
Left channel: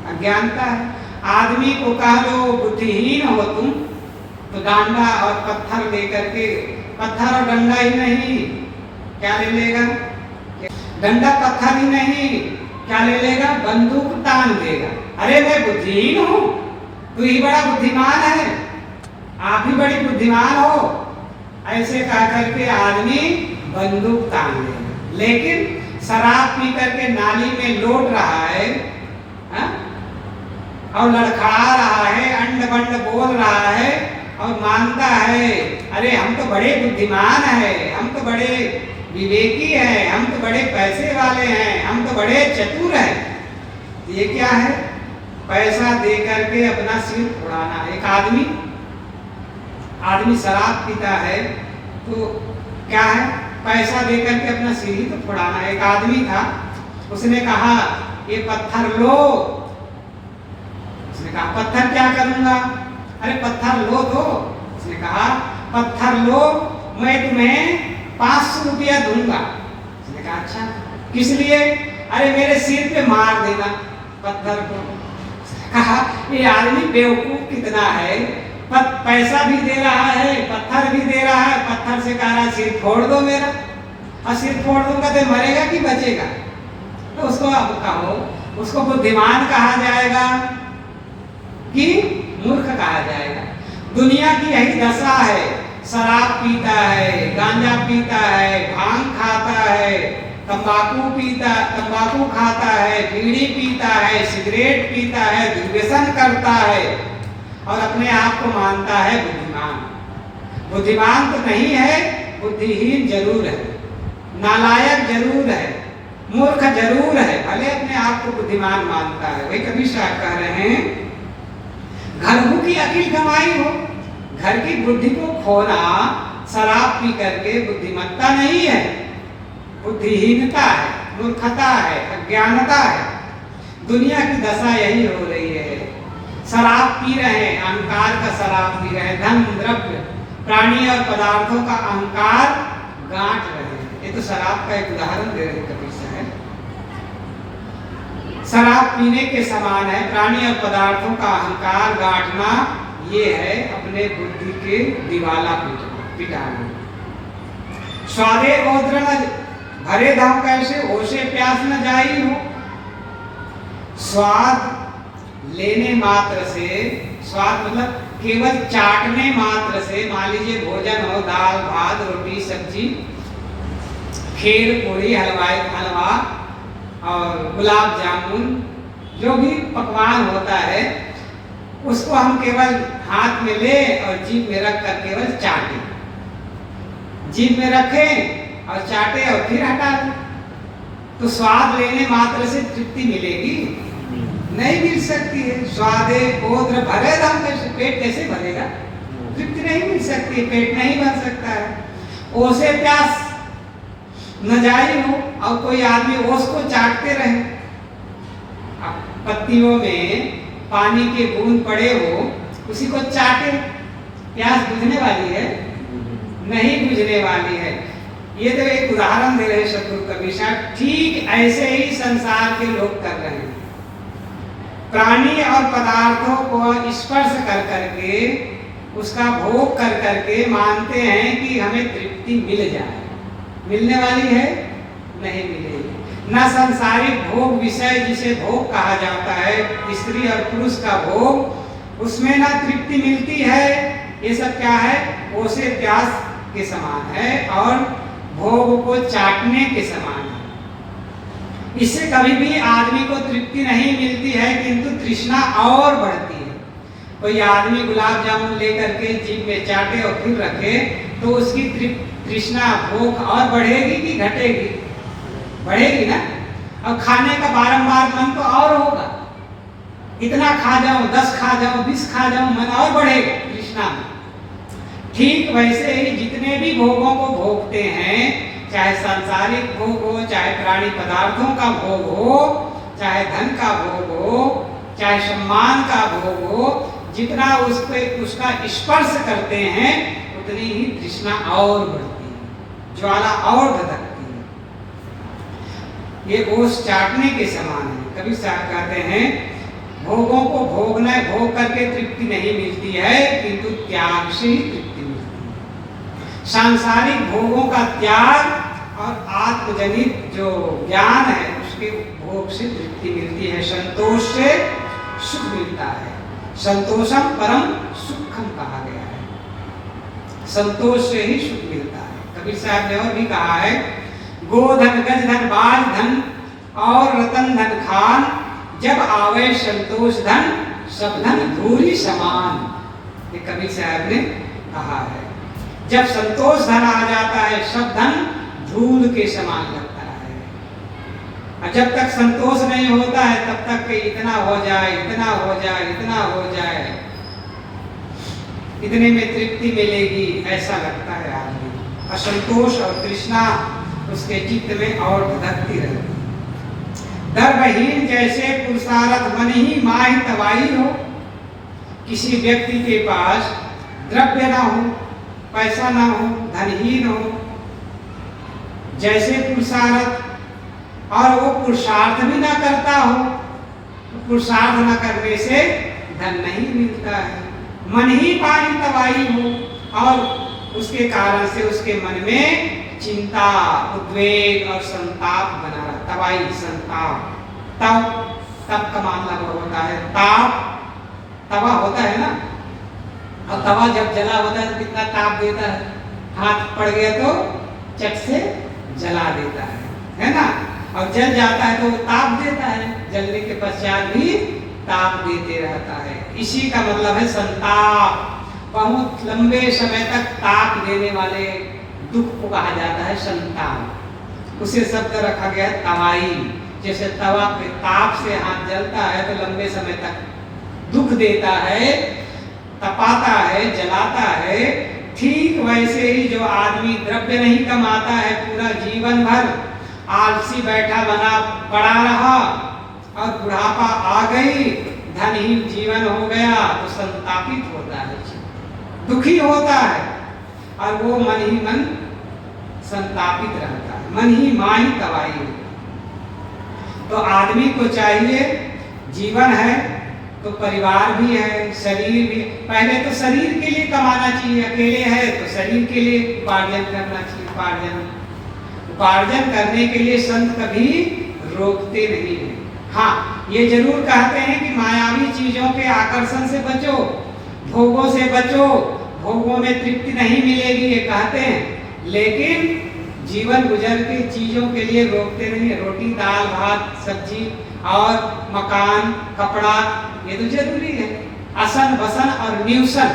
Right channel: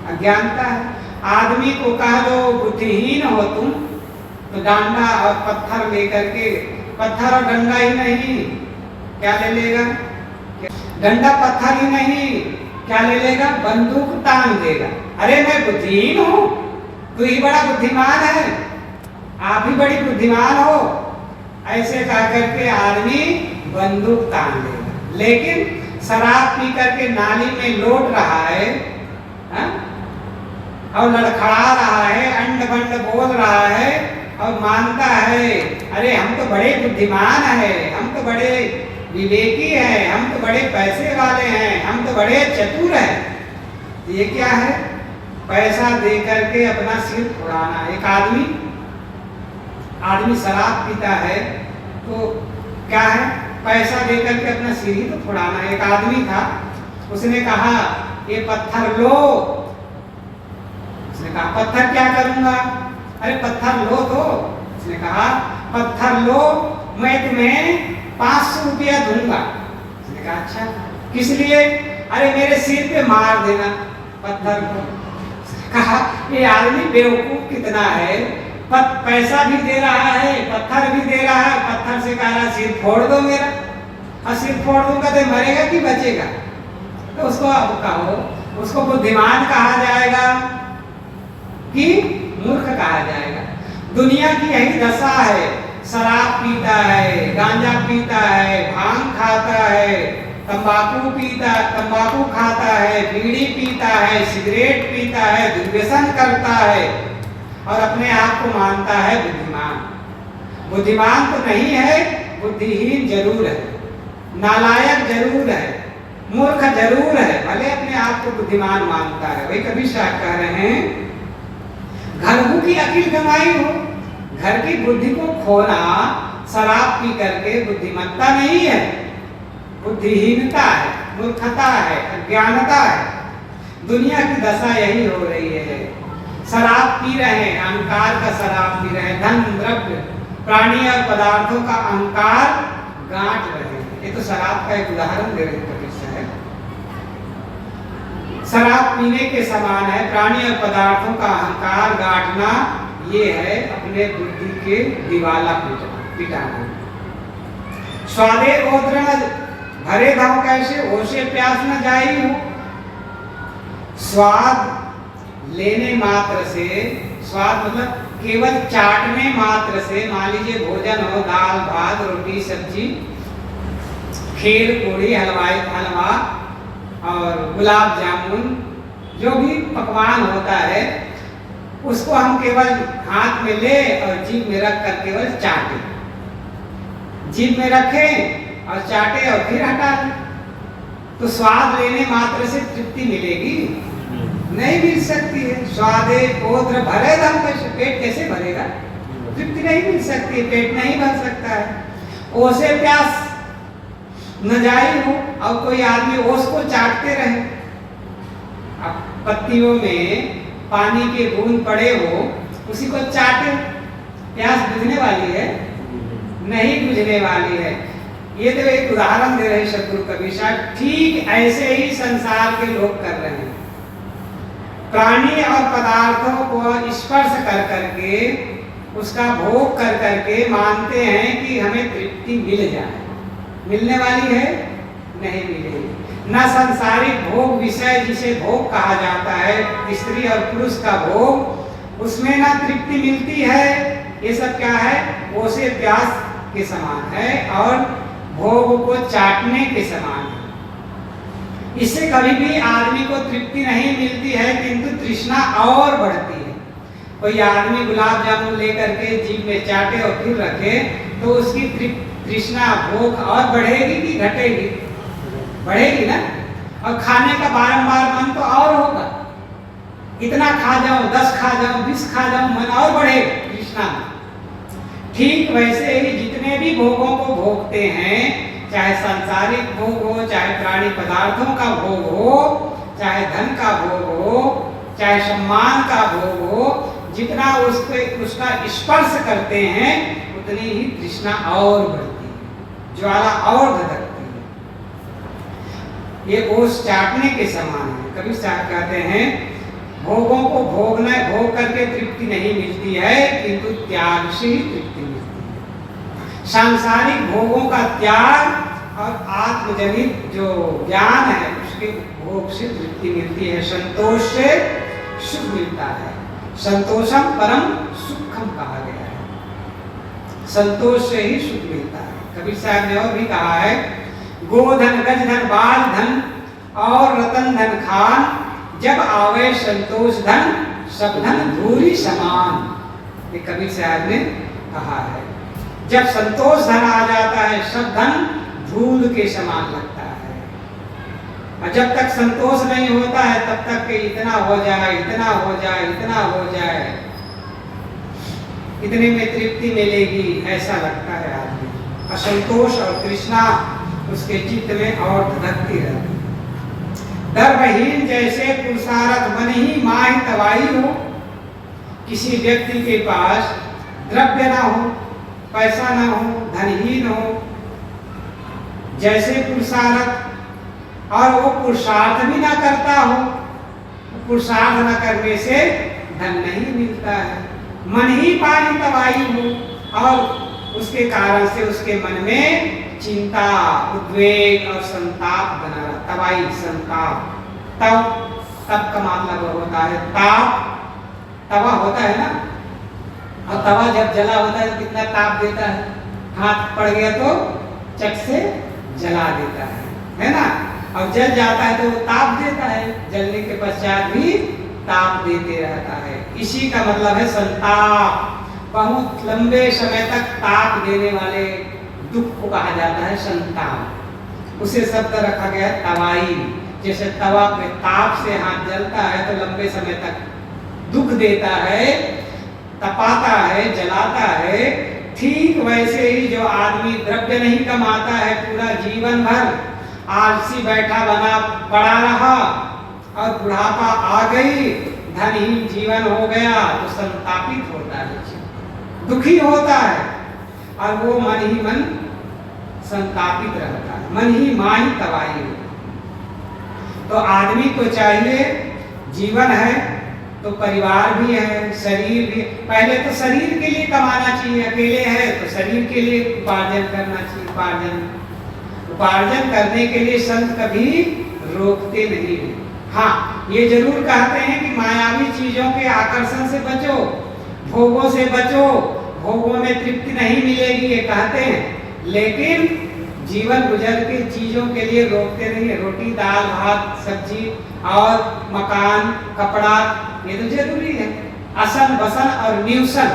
अज्ञानता है। आदमी को कह दो बुद्धिहीन हो तुम, तो डांडा और पत्थर लेकर के, पत्थर और डंडा ही नहीं, क्या ले लेगा, डंडा पत्थर ही नहीं, क्या ले लेगा? बंदूक तान देगा। अरे मैं बुद्धिहीन हूं, तू ही बड़ा बुद्धिमान है, आप ही बड़ी बुद्धिमान हो, ऐसे कह करके आदमी बंदूक तान देगा। लेकिन शराब पी करके नाली में लौट रहा है, हा? और लड़खड़ा रहा है, अंड बंड बोल रहा है और मानता है अरे हम तो बड़े बुद्धिमान हैं, हम तो बड़े विवेकी हैं, हम तो बड़े पैसे वाले हैं, हम तो बड़े चतुर हैं। ये क्या है? पैसा दे करके अपना सिर उड़ाना। एक आदमी शराब पीता है तो क्या है? पैसा दे करके अपना सिर ही तो उड़ाना। एक आदमी था, उसने कहा ये पत्थर लो। उसने कहा पत्थर क्या करूंगा? अरे पत्थर लो तो। उसने कहा पत्थर लो, मैं तुम्हें 500 रुपया दूंगा। उसने कहा अच्छा किस लिए? अरे मेरे सिर पे मार देना पत्थर को। कहा ये आदमी बेवकूफ कितना है, पैसा भी दे रहा है, पत्थर भी दे रहा है, पत्थर से कह रहा सिर फोड़ दो मेरा। और सिर फोड़ दूंगा तो मरेगा कि बचेगा? तो उसको अब कहो, उसको बुद्धिमान कहा जाएगा कि मूर्ख कहा जाएगा? दुनिया की यही दशा है। शराब पीता है, गांजा पीता है, भांग खाता है, तंबाकू खाता है, बीड़ी पीता है, सिगरेट पीता है, दुर्व्यसन करता है और अपने आप को मानता है बुद्धिमान। बुद्धिमान तो नहीं है, बुद्धिहीन जरूर है, नालायक जरूर है, मूर्ख जरूर है, भले अपने आप को बुद्धिमान मानता है। वही कबीर साहब कह रहे हैं घर की अकिल कमाई हो। घर की बुद्धि को खोना शराब पी करके बुद्धिमत्ता नहीं है, बुद्धिहीनता है, मूर्खता है, अज्ञानता है। दुनिया की दशा यही हो रही है। शराब पी रहे हैं, अहंकार का शराब पी रहे हैं, धन द्रव्य प्राणी और पदार्थों का अहंकार गांठ रहे हैं। ये तो शराब का एक उदाहरण दे रहे कबीर साहब। शराब पीने के समान है, प्राणी और पदार्थों का अहंकार गांठना। ये है अपने बुद्धि के दिवाला पिटाना। स्वादे ओद्र न भरे धाम कैसे, ओसे प्यास न जाई हो। स्वाद लेने मात्र से, स्वाद मतलब केवल चाटने मात्र से, मान लीजिए भोजन हो, दाल भात रोटी सब्जी, खीर पूरी हलवा और गुलाब जामुन, जो भी पकवान होता है उसको हम केवल हाथ में ले और जीभ में रख कर केवल चाटे, जीभ में रखें और चाटे और फिर हटा दें, तो स्वाद लेने मात्र से तृप्ति मिलेगी? नहीं मिल सकती है। स्वादे ओद्र भरे दम कैसे, पेट कैसे भरेगा? तृप्ति नहीं मिल सकती है, पेट नहीं भर सकता है। ओसे प्यास न जाई हो, और कोई आदमी ओस को चाटते रहे। अब पत्तियों में पानी के बूंद पड़े हो, उसी को चाटे, प्यास बुझने वाली है? नहीं बुझने वाली है। ये तो एक उदाहरण दे रहे सतगुरु कबीर साहब। ठीक ऐसे ही संसार के लोग कर रहे हैं। प्राणी और पदार्थों को स्पर्श कर करके, उसका भोग कर करके मानते हैं कि हमें तृप्ति मिल जाए। मिलने वाली है? नहीं मिलेगी। न सांसारिक भोग विषय जिसे भोग कहा जाता है, स्त्री और पुरुष का भोग, उसमें ना तृप्ति मिलती है। ये सब क्या है? ओसे प्यास के समान है और भोग को चाटने के समान है। इससे कभी भी आदमी को तृप्ति नहीं मिलती है, किंतु तृष्णा और बढ़ती है। कोई आदमी गुलाब जामुन लेकर के जीभ में चाटे और फिर रखे तो उसकी तृष्णा भूख और बढ़ेगी कि घटेगी? बढ़ेगी ना। और खाने का बारंबार मन तो और होगा, इतना खा जाऊं, 10 खा जाऊं, 20 खा जाऊं, मन और बढ़ेगा तृष्णा में। ठीक वैसे ही जितने भी भोगों को भोगते हैं, चाहे सांसारिक भोग हो, चाहे प्राणी पदार्थों का भोग हो, चाहे धन का भोग हो, चाहे सम्मान का भोग हो, जितना उसका स्पर्श करते हैं उतनी ही तृष्णा और बढ़ती है, ज्वाला और भड़कती है। ये ओस चाटने के समान है। कबीर साहब कहते हैं भोगों को भोग करके तृप्ति नहीं मिलती है, किंतु त्याग से ही तृप्ति मिलती है। सांसारिक भोगों का त्याग और आत्मजनित जो ज्ञान है उसके भोग से तृप्ति मिलती है, संतोष से सुख मिलता है। संतोषम परम सुखम कहा गया है, संतोष से ही सुख मिलता है। कबीर साहब ने और भी कहा है, गोधन गज धन बाल धन और रतन धन खान, जब आवे संतोष धन सब धन धूरी समान। ये कबीर साहब ने कहा है, जब संतोष धन आ जाता है सब धन धूल के समान लगता है। और जब तक संतोष नहीं होता है तब तक कि इतना हो जाए, इतना हो जाए, इतना हो जाए, इतने में तृप्ति मिलेगी, ऐसा लगता है आदमी। असंतोष और तृष्णा उसके चित्त में और धधकती रहती। दर्भहीन जैसे पुरुषार्थ मन ही माही तवाई हो। किसी व्यक्ति के पास द्रव्य ना हो, पैसा ना हो, धनहीन हो, जैसे पुरुषार्थ, और वो पुरुषार्थ भी ना करता हो, तो पुरुषार्थ ना करने से धन नहीं मिलता है। मन ही पानी तवाई हो और उसके कारण से उसके मन में चिंता, उद्वेग और संताप बना रहा। तवाई संताप, तब का मामला वो होता है। ताप, तवा होता है ना, और तवा जब जला होता है तो कितना ताप देता है, हाथ पड़ गया तो चट से जला देता है ना। और जल जाता है तो ताप देता है, जलने के पश्चात भी ताप देते रहता है। इसी का मतलब है संताप। बहुत लंबे समय तक ताप देने वाले दुख को कहा जाता है संताप। उसे शब्द रखा गया है तवाई। जैसे तवा पे ताप से हाथ जलता है तो लंबे समय तक दुख देता है, तपाता है, जलाता है, ठीक वैसे ही जो आदमी द्रव्य नहीं कमाता है, पूरा जीवन भर आलसी बैठा बना पड़ा रहा और बुढ़ापा आ गई, धनहीन जीवन हो गया, तो संतापित होता है, दुखी होता है, और वो मन ही मन संतापित रहता है, मन ही माही तवाई। तो आदमी को चाहिए, जीवन है तो परिवार भी है, शरीर भी। पहले तो शरीर के लिए कमाना चाहिए, अकेले है तो शरीर के लिए उपार्जन करना चाहिए। उपार्जन करने के लिए संत कभी रोकते नहीं है। हाँ, ये जरूर कहते हैं कि मायावी चीजों के आकर्षण से बचो, भोगों से बचो, भोगों में तृप्ति नहीं मिलेगी, ये कहते हैं। लेकिन जीवन गुजर के चीजों के लिए रोकते नहीं है। रोटी, दाल, भात, सब्जी और मकान, कपड़ा, ये तो जरूरी है। असन, बसन और न्यूसन,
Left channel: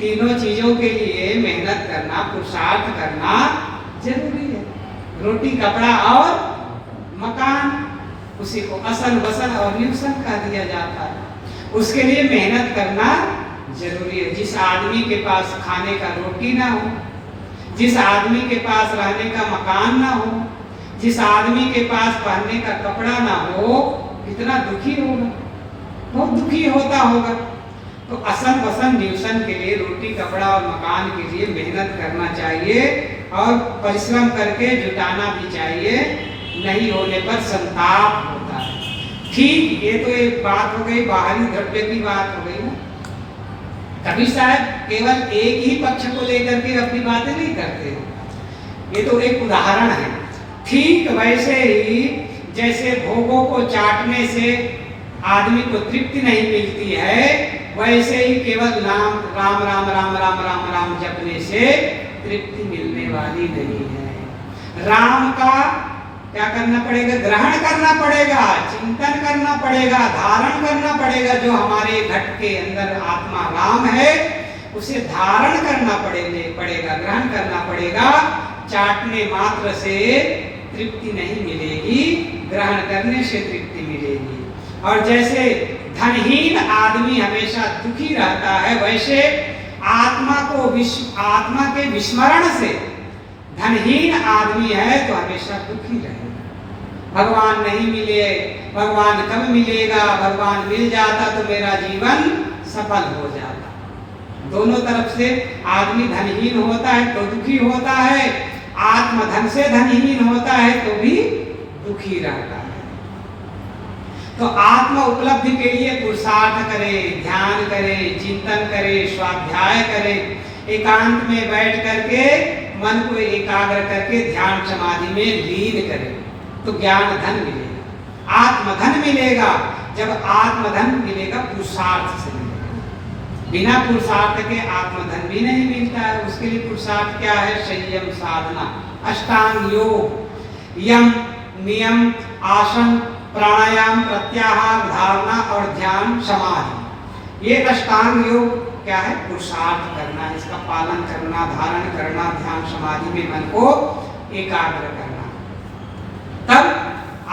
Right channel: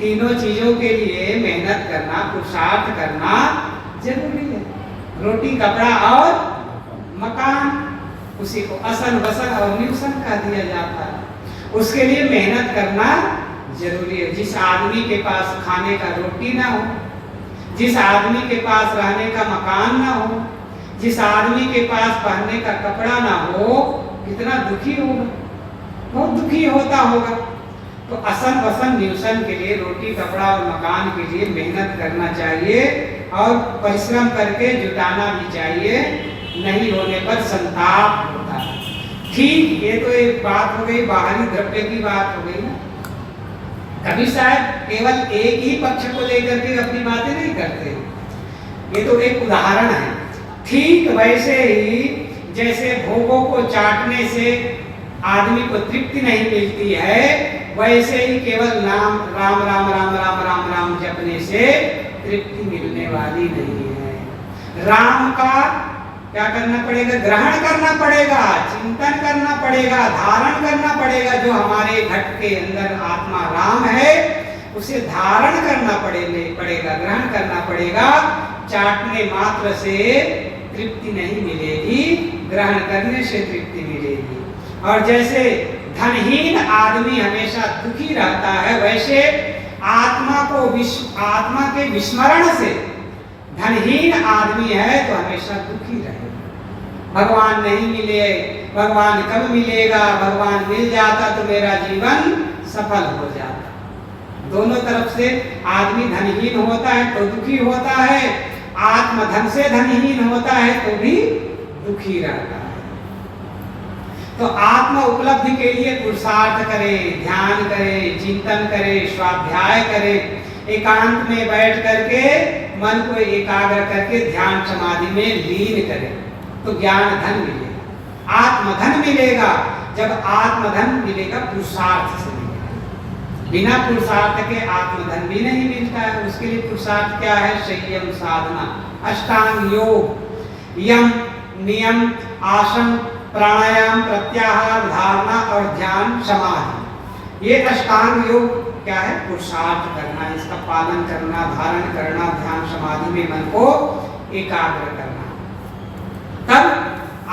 तीनों चीजों के लिए मेहनत करना, पुरुषार्थ करना जरूरी है। रोटी, कपड़ा और मकान, उसी को असन, बसन और न्यूसन कह दिया जाता है। उसके लिए मेहनत करना जरूरी है। जिस आदमी के पास खाने का रोटी ना हो, जिस आदमी के पास रहने का मकान ना हो, जिस आदमी के पास पहनने का कपड़ा ना हो, कितना दुखी होगा, बहुत दुखी होता होगा। तो असन, बसन, न्यूसन के लिए, रोटी, कपड़ा और मकान के लिए मेहनत करना चाहिए और परिश्रम करके जुटाना भी चाहिए। नहीं होने पर संताप होता है। ठीक, ये तो एक बात हो गई, बाहरी द्रव्य की बात हो गई ना। कबीर साहब केवल एक ही पक्ष को लेकर के अपनी बातें नहीं करते, ये तो एक उदाहरण है। ठीक वैसे ही जैसे भोगों को चाटने से आदमी को तृप्ति नहीं मिलती है, वैसे ही केवल नाम राम राम राम राम राम राम जपने से तृप्ति मिलने वाली नहीं है। राम का क्या करना पड़ेगा? ग्रहण करना पड़ेगा, चिंतन करना पड़ेगा, धारण करना पड़ेगा। जो हमारे घट के अंदर आत्मा राम है, उसे धारण करना पड़ेगा, ग्रहण करना पड़ेगा। चाटने मात्र से तृप्ति नहीं मिलेगी, ग्रहण करने से तृप्ति मिलेगी। और जैसे धनहीन आदमी हमेशा दुखी रहता है, वैसे आत्मा के विस्मरण से धनहीन आदमी है तो हमेशा दुखी रहे। भगवान नहीं मिले, भगवान कब मिलेगा, भगवान मिल जाता तो मेरा जीवन सफल हो जाता। दोनों तरफ से आदमी धनहीन होता है तो दुखी होता है, आत्मधन से धनहीन होता है तो भी दुखी रहता है। तो आत्म उपलब्धि के लिए पुरुषार्थ करे, ध्यान करे, चिंतन करे, स्वाध्याय करे, एकांत में बैठ करके मन को एकाग्र करके ध्यान समाधि में लीन करे तो ज्ञान धन मिलेगा। आत्मधन मिलेगा। जब आत्मधन मिलेगा पुरुषार्थ से मिलेगा, बिना पुरुषार्थ के आत्मधन भी नहीं मिलता है। उसके लिए पुरुषार्थ क्या है? संयम साधना, अष्टांग योग, यम नियम, आसन, प्राणायाम, प्रत्याहार, धारणा और ध्यान, समाधि। ये अष्टांग योग क्या है? पुरुषार्थ करना, इसका पालन करना, धारण करना, ध्यान समाधि में मन को एकाग्र करना, तब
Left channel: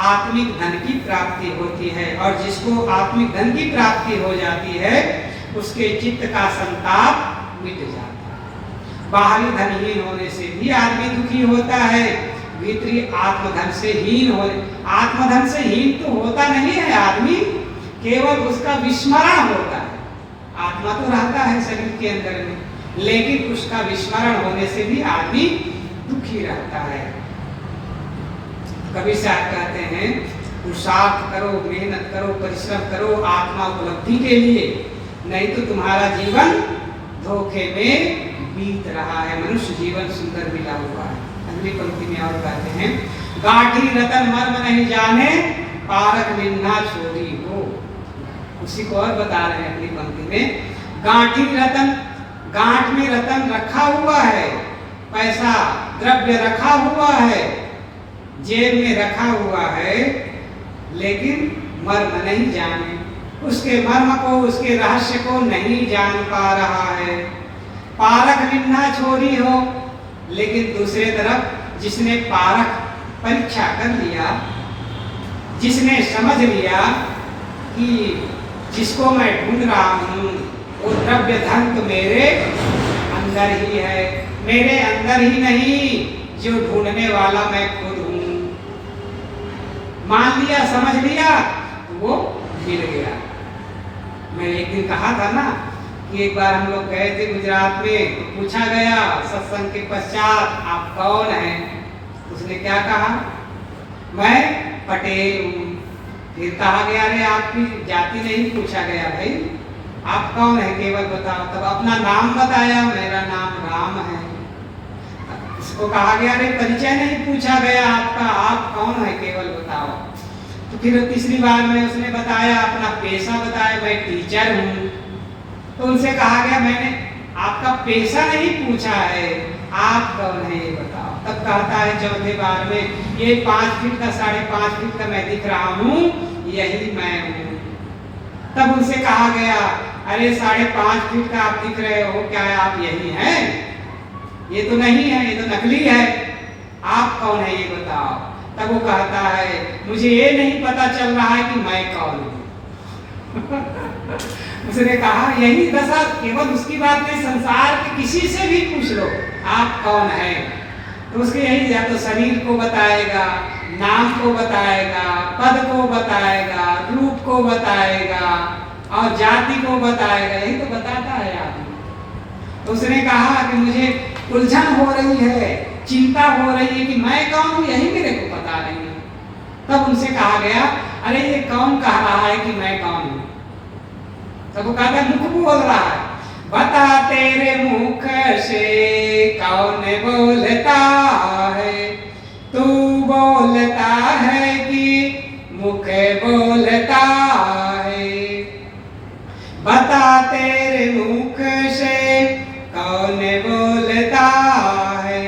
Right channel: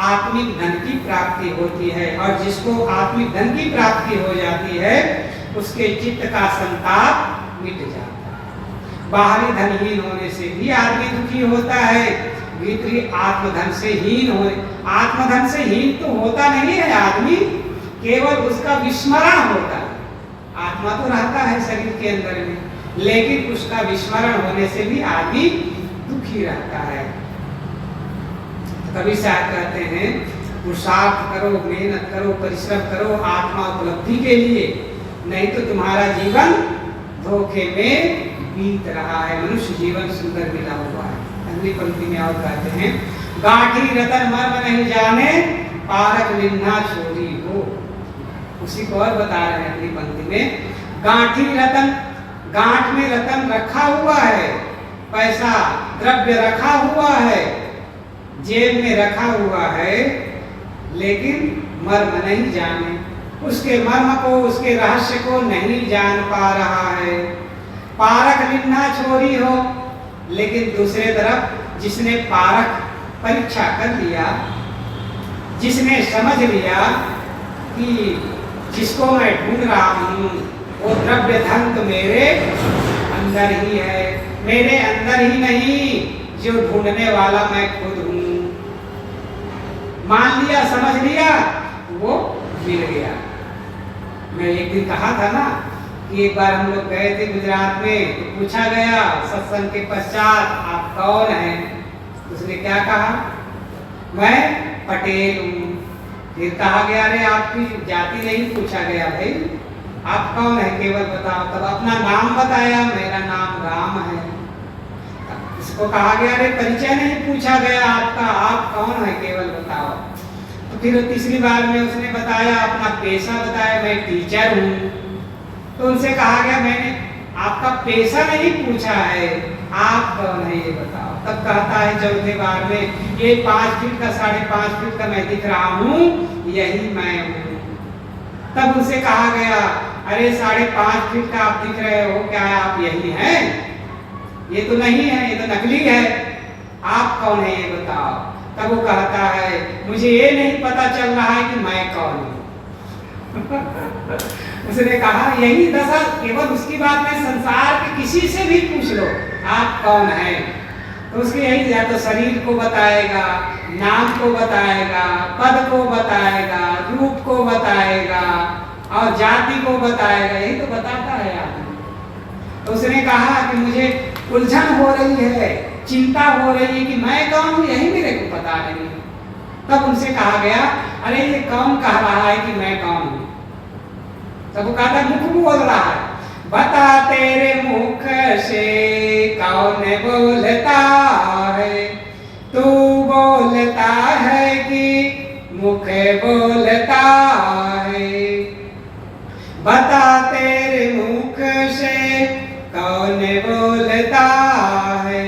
आत्मिक धन की प्राप्ति होती है। और जिसको आत्मिक धन की प्राप्ति हो जाती है उसके चित्त का संताप मिट जाता है। बाहरी धनहीन होने से भी आदमी दुखी होता है, भीतरी आत्मधन से हीन हो। आत्मधन से हीन तो होता नहीं है आदमी, केवल उसका विस्मरण होता है। आत्मा तो रहता है शरीर के अंदर में, लेकिन उसका विस्मरण होने से भी आदमी दुखी रहता है। कभी साहब कहते हैं पुरुषार्थ करो, मेहनत करो, परिश्रम करो आत्मा उपलब्धि के लिए, नहीं तो तुम्हारा जीवन धोखे में बीत रहा है। मनुष्य जीवन सुंदर मिला हुआ है। अगली पंक्ति में और कहते हैं, गांठी रतन मर्म नहीं जाने, पारक लिन्हा छोरी हो। उसी को और बता रहे हैं अगली पंक्ति में, गांठी रतन, गांठ में रतन रखा हुआ है, पैसा द्रव्य रखा हुआ है, जेब में रखा हुआ है, लेकिन मर्म नहीं जाने, उसके मर्म को, उसके रहस्य को नहीं जान पा रहा है। पारक लिन्हा छोरी हो, लेकिन दूसरे तरफ जिसने पारक परीक्षा कर लिया, जिसने समझ लिया कि जिसको मैं ढूंढ रहा हूँ वो द्रव्य धन तो मेरे अंदर ही है, मेरे अंदर ही नहीं, जो ढूंढने वाला मैं खुद हूँ। मान लिया, समझ लिया, वो मिल गया। मैं एक दिन कहा था ना कि एक बार हम लोग गए थे गुजरात में, तो पूछा गया सत्संग के पश्चात आप कौन हैं? उसने क्या कहा? मैं पटेल हूँ। फिर कहा गया अरे आपकी जाति नहीं पूछा गया, भाई आप कौन है केवल बताओ। तब अपना नाम बताया, मेरा नाम राम है। इसको कहा गया अरे परिचय नहीं पूछा गया आपका, आप कौन है केवल बताओ। तो फिर तीसरी बार में उसने बताया, अपना पेशा बताया, मैं टीचर हूँ। तो उनसे कहा गया मैंने आपका पेशा नहीं पूछा है, आप कौन है ये बताओ। तब कहता है चौथे बार में, ये 5 फीट का 5.5 फीट का मैं दिख रहा हूँ, यही मैं हूँ। तब उनसे कहा गया अरे 5.5 फीट का आप दिख रहे हो, क्या आप यही हैं? ये तो नहीं है, ये तो नकली है, आप कौन है ये बताओ। तब वो कहता है मुझे ये नहीं पता चल रहा है कि मैं कौन हूँ। उसने कहा यही दशा केवल उसकी बात नहीं, संसार के किसी से भी पूछ लो आप कौन है, तो उसके यही, या तो शरीर को बताएगा, नाम को बताएगा, पद को बताएगा, रूप को बताएगा और जाति को बताएगा, यही तो बताता है आदमी। तो उसने कहा कि मुझे उलझन हो रही है, चिंता हो रही है कि मैं कौन हूँ, यही मेरे को पता नहीं। तब उनसे कहा गया अरे ये कौन कह रहा है कि मैं कौन हूँ? तब वो कहता मुख बोल रहा है, बता तेरे मुख से कौन बोलता है, तू बोलता है कि मुख बोलता है। बता तेरे मुख से कौन बोलता है,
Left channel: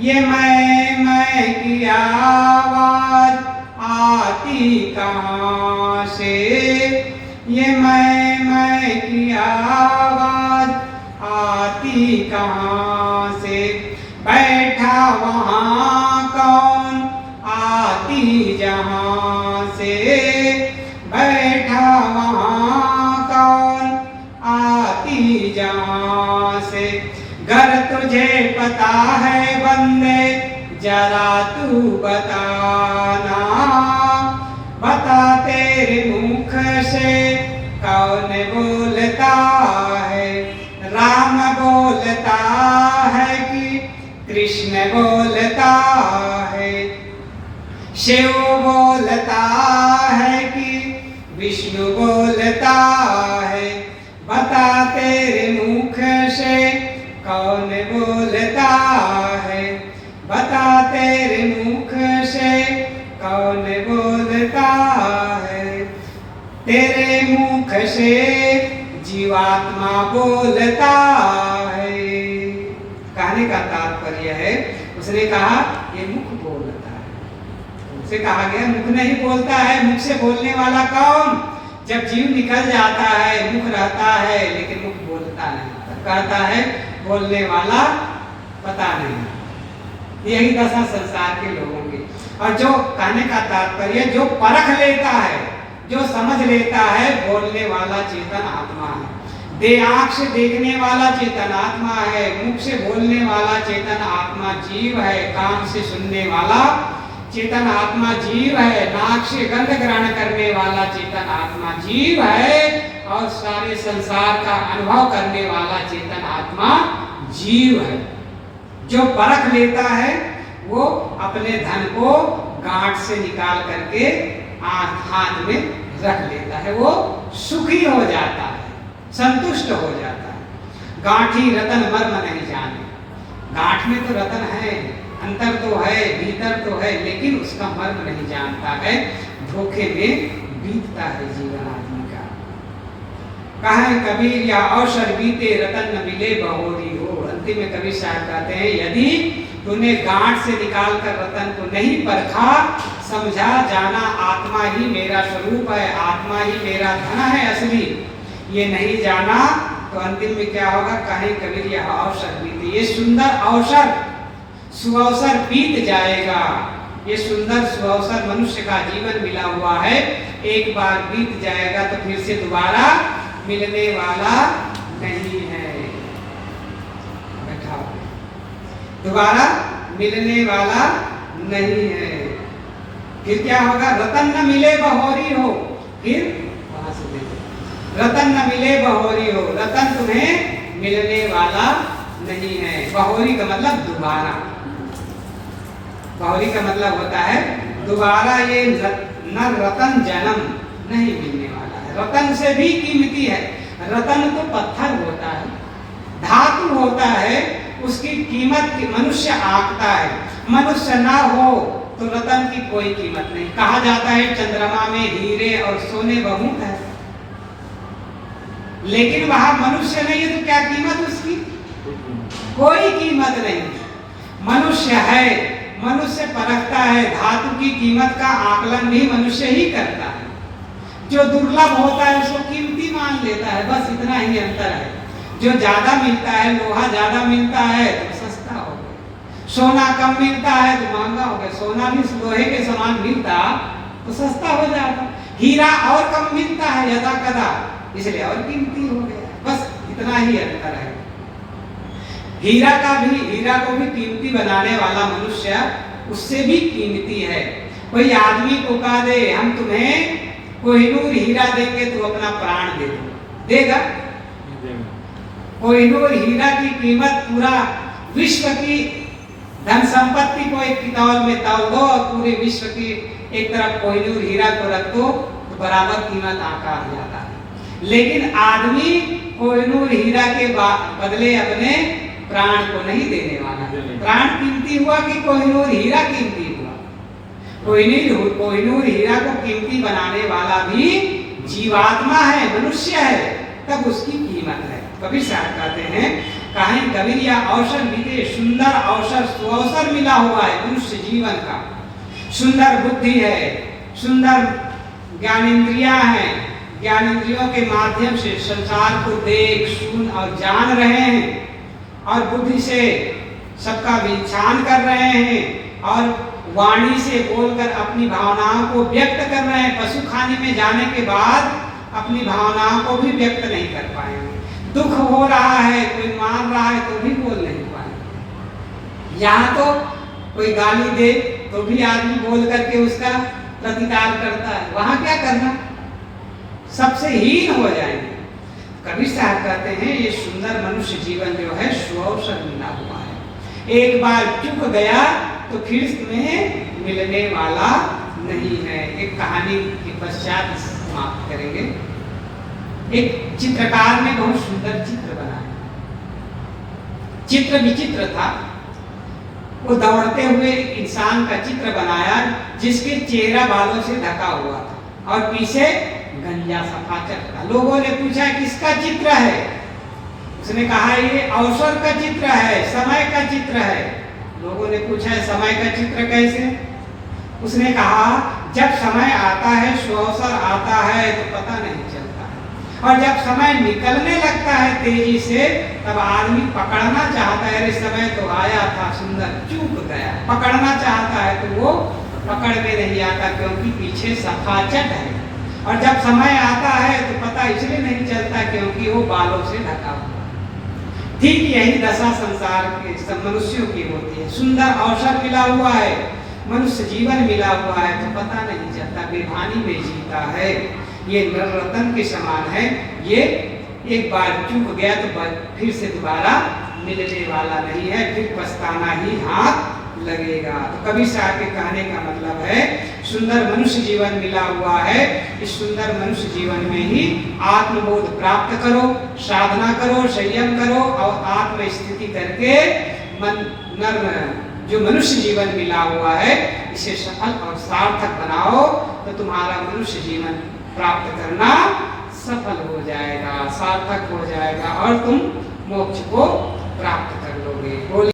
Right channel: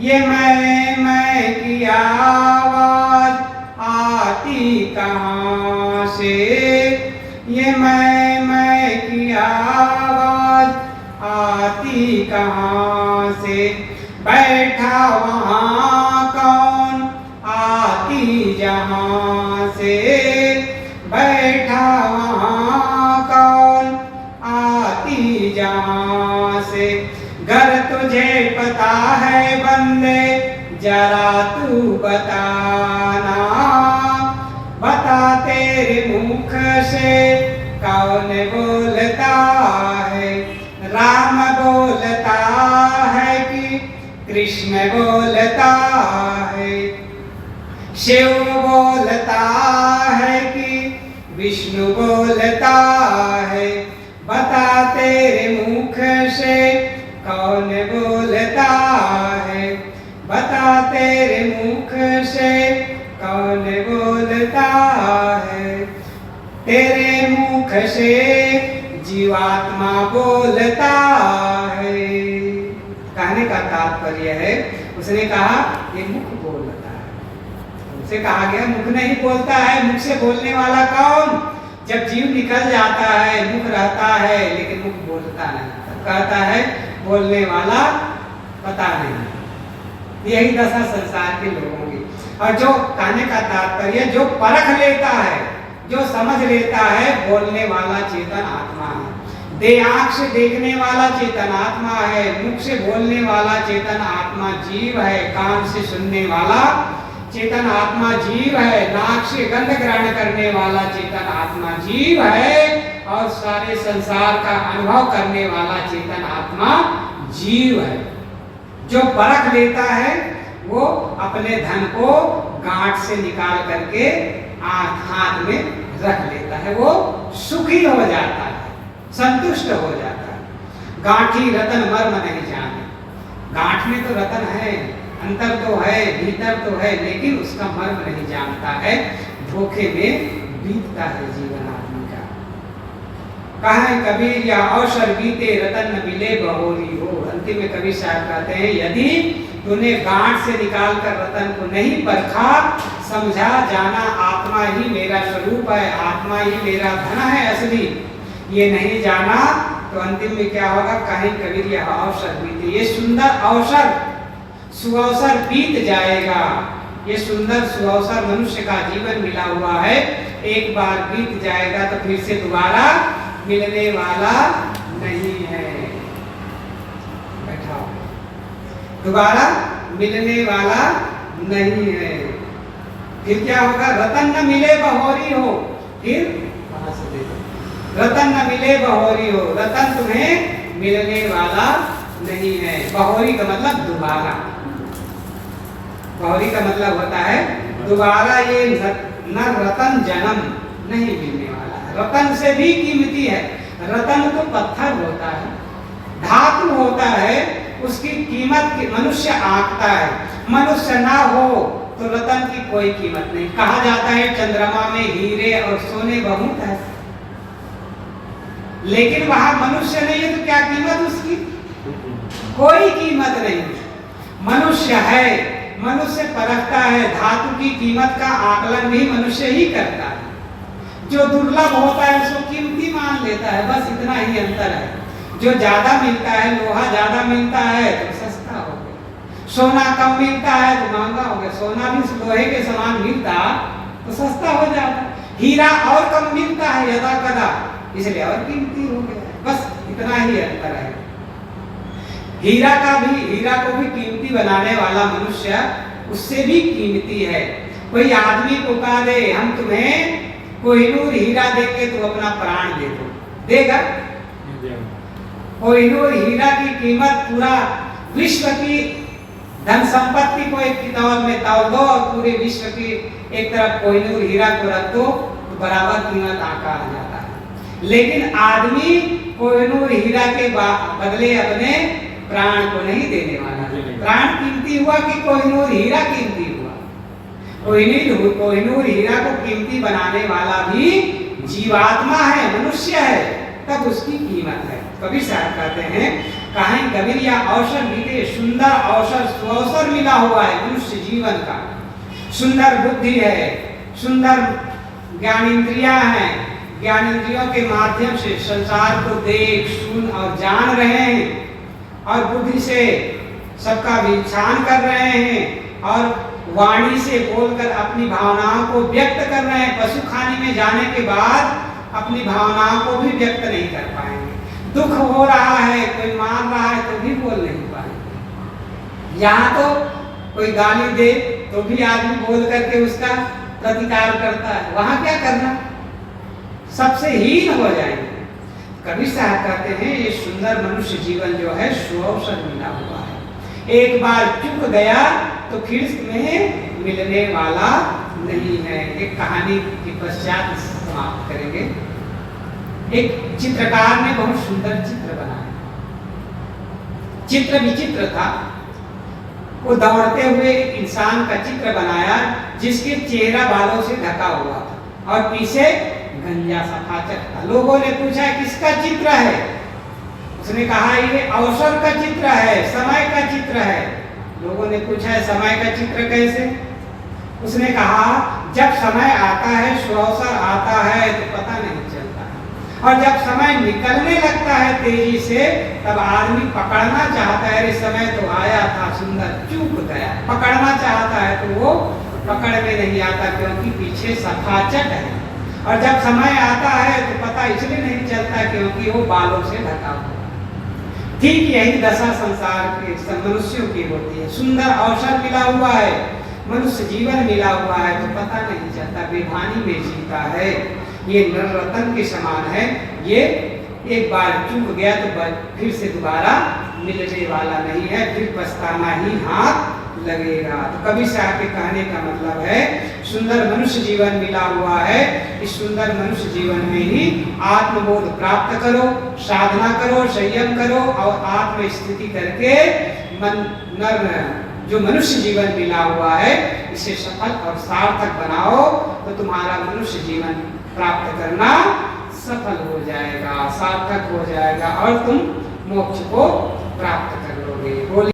ये मैं की आवाज आती कहाँ से, ये मैं की आवाज आती कहाँ से। बैठा वहाँ कौन आती जहाँ से, बैठा वहाँ कौन आती जहाँ से। घर तुझे पता है बंदे जरा तू बताना, बता तेरे मुख से कौन बोलता है। राम बोलता है कि कृष्ण बोलता है, शिव बोलता है कि विष्णु बोलता है। बता तेरे मुख से कौन बोलता है, बता तेरे मुख से कौन बोलता मुख से जीवात्मा बोलता है। कहने का तात्पर्य है, उसने कहा ये मुख बोलता है। उसे कहा गया मुख नहीं बोलता है। मुख से बोलने वाला कौन? जब जीव निकल जाता है मुख रहता है लेकिन मुख बोलता नहीं, तब कहता है बोलने वाला पता नहीं। यही दशा संसार के लोगों की। और जो कहने का तात्पर्य जो परख लेता है, जो समझ लेता है, बोलने वाला चेतन आत्मा है। दे आंख से देखने वाला चेतन आत्मा है, मुख से बोलने वाला चेतन आत्मा जीव है, कान से सुनने वाला चेतन आत्मा जीव है, नाक से गंध ग्रहण करने वाला चेतन आत्मा जीव है, और सारे संसार का अनुभव करने वाला चेतन आत्मा जीव है। जो परख लेता है वो अपने धन को गांठ से निकाल करके हाथ में रख लेता है, वो सुखी हो जाता है, संतुष्ट हो जाता है। गांठी रतन मर्म नहीं जाने। गांठ में तो रतन है, अंतर तो है, भीतर तो है, लेकिन उसका मर्म नहीं जानता है। धोखे में बीतता है जीवन आदमी का। कहा कबीर या अवसर बीते रतन न मिले बहोरी हो। अंतिम में कबीर साहब कहते हैं यदि तूने गांठ से निकाल कर रतन को नहीं परखा, समझा जाना आत्मा ही मेरा स्वरूप है, आत्मा ही मेरा धन है असली, ये नहीं जाना तो अंतिम में क्या होगा? कहीं कबीर यह अवसर बीते, ये सुंदर अवसर सुअवसर बीत जाएगा। ये सुंदर सुअवसर मनुष्य का जीवन मिला हुआ है, एक बार बीत जाएगा तो फिर से दोबारा मिलने वाला नहीं है। बैठाओ, दोबारा मिलने वाला नहीं है। फिर क्या होगा? रतन न मिले बहोरी हो। फिर वहां से देखो, रतन न मिले बहोरी हो। रतन तुम्हें मिलने वाला नहीं है। बहोरी का मतलब दोबारा, बहोरी का मतलब होता है दोबारा। ये न रतन जन्म नहीं मिलने वाला है। रतन से भी कीमती है। रतन तो पत्थर होता है, धातु होता है, उसकी कीमत मनुष्य आंकता है। मनुष्य ना हो तो रतन की कोई कीमत नहीं। कहा जाता है चंद्रमा में हीरे और सोने बहुत है, लेकिन वहां मनुष्य नहीं है तो क्या कीमत उसकी? कोई कीमत नहीं। मनुष्य है, मनुष्य परखता है, धातु की कीमत का आकलन भी मनुष्य ही करता है। जो दुर्लभ होता है उसको कीमती मान लेता है, बस इतना ही अंतर है। जो ज्यादा मिलता है, लोहा ज्यादा मिलता है तो सस्ता हो गया, सोना कम मिलता है तो महंगा हो गया। सोना भी लोहे के समान मिलता तो सस्ता हो जाता, हीरा और कम मिलता है यदा कदा, इसलिए और कीमती हो गया। बस इतना ही अंतर है। हीरा को भी कीमती बनाने वाला मनुष्य उससे भी कीमती है। कोई आदमी को कह दे हम तुम्हें कोहिनूर हीरा देंगे तो अपना प्राण दे दो, देगा? कोहिनूर हीरा की कीमत पूरा विश्व की धन संपत्ति को एक तौल में तौल दो और पूरे विश्व की एक तरफ कोहिनूर हीरा को रख दो तो बराबर कीमत आका आ जाता है। लेकिन आदमी कोहिनूर हीरा के बदले अपने प्राण को नहीं देने वाला है। प्राण कीमती हुआ कि कोहिनूर हीरा कीमती हुआ? कोहिनूर हीरा को कीमती बनाने वाला भी जीवात्मा है, मनुष्य है, तब उसकी कीमत है। कबीर साहब कहते हैं कहीं कबीर या अवसर मिले, सुंदर अवसर सुअवसर मिला हुआ है मनुष्य जीवन का। सुंदर बुद्धि है, सुंदर ज्ञानेंद्रियां हैं, ज्ञानेंद्रियों के माध्यम से संसार को देख सुन और जान रहे हैं, और बुद्धि से सबका विचार कर रहे हैं, और वाणी से बोलकर अपनी भावनाओं को व्यक्त कर रहे हैं। पशु खाने में जाने के बाद अपनी भावनाओं को भी व्यक्त नहीं कर पाएंगे। दुख हो रहा है, कोई मार रहा है तो भी बोल नहीं पाएंगे। यहाँ तो कोई गाली दे तो भी आदमी बोल करके उसका प्रतिकार करता है, वहां क्या करना? सबसे हीन हो जाएंगे। कबीर साहब कहते हैं ये सुंदर मनुष्य जीवन जो है सुअवसर मिला हुआ है। एक बार चुक गया तो फिर में मिलने वाला नहीं है। एक कहानी के पश्चात समाप्त करेंगे। एक चित्रकार ने बहुत सुंदर चित्र बनाया। चित्र विचित्र था। वो दौड़ते हुए एक इंसान का चित्र बनाया जिसके चेहरा बालों से ढका हुआ था और पीछे गंजा सफाचट का। लोगों ने पूछा किसका चित्र है? उसने कहा ये अवसर का चित्र है, समय का चित्र है। लोगों ने पूछा है समय का चित्र कैसे? उसने कहा जब समय आता है, सुअवसर आता है तो पता नहीं चलता है, और जब समय निकलने लगता है तेजी से, तब आदमी पकड़ना चाहता है, अरे समय तो आया था सुंदर, चूक गया। पकड़ना चाहता है तो वो पकड़ में नहीं आता, क्योंकि पीछे सफाचट है। और जब समय आता है तो पता इसलिए नहीं चलता क्योंकि वो बालों से ढका हुआ। ठीक यही दशा संसार के सब मनुष्यों की होती है। सुंदर अवसर मिला हुआ है, मनुष्य जीवन मिला हुआ है तो पता नहीं चलता, बेभानी में जीता है। ये नर रतन के समान है, ये एक बार चूक गया तो फिर से दोबारा मिलने वाला नहीं है, फिर पछताना ही हाथ लगेगा। तो कवि साहब के कहने का मतलब है सुंदर मनुष्य जीवन मिला हुआ है, इस सुंदर मनुष्य जीवन में ही आत्मबोध प्राप्त करो, साधना करो, संयम करो और आत्म स्थिति करके जो मनुष्य जीवन मिला हुआ है इसे सफल और सार्थक बनाओ, तो तुम्हारा मनुष्य जीवन प्राप्त करना सफल हो जाएगा, सार्थक हो जाएगा और तुम मोक्ष को प्राप्त कर लोगे।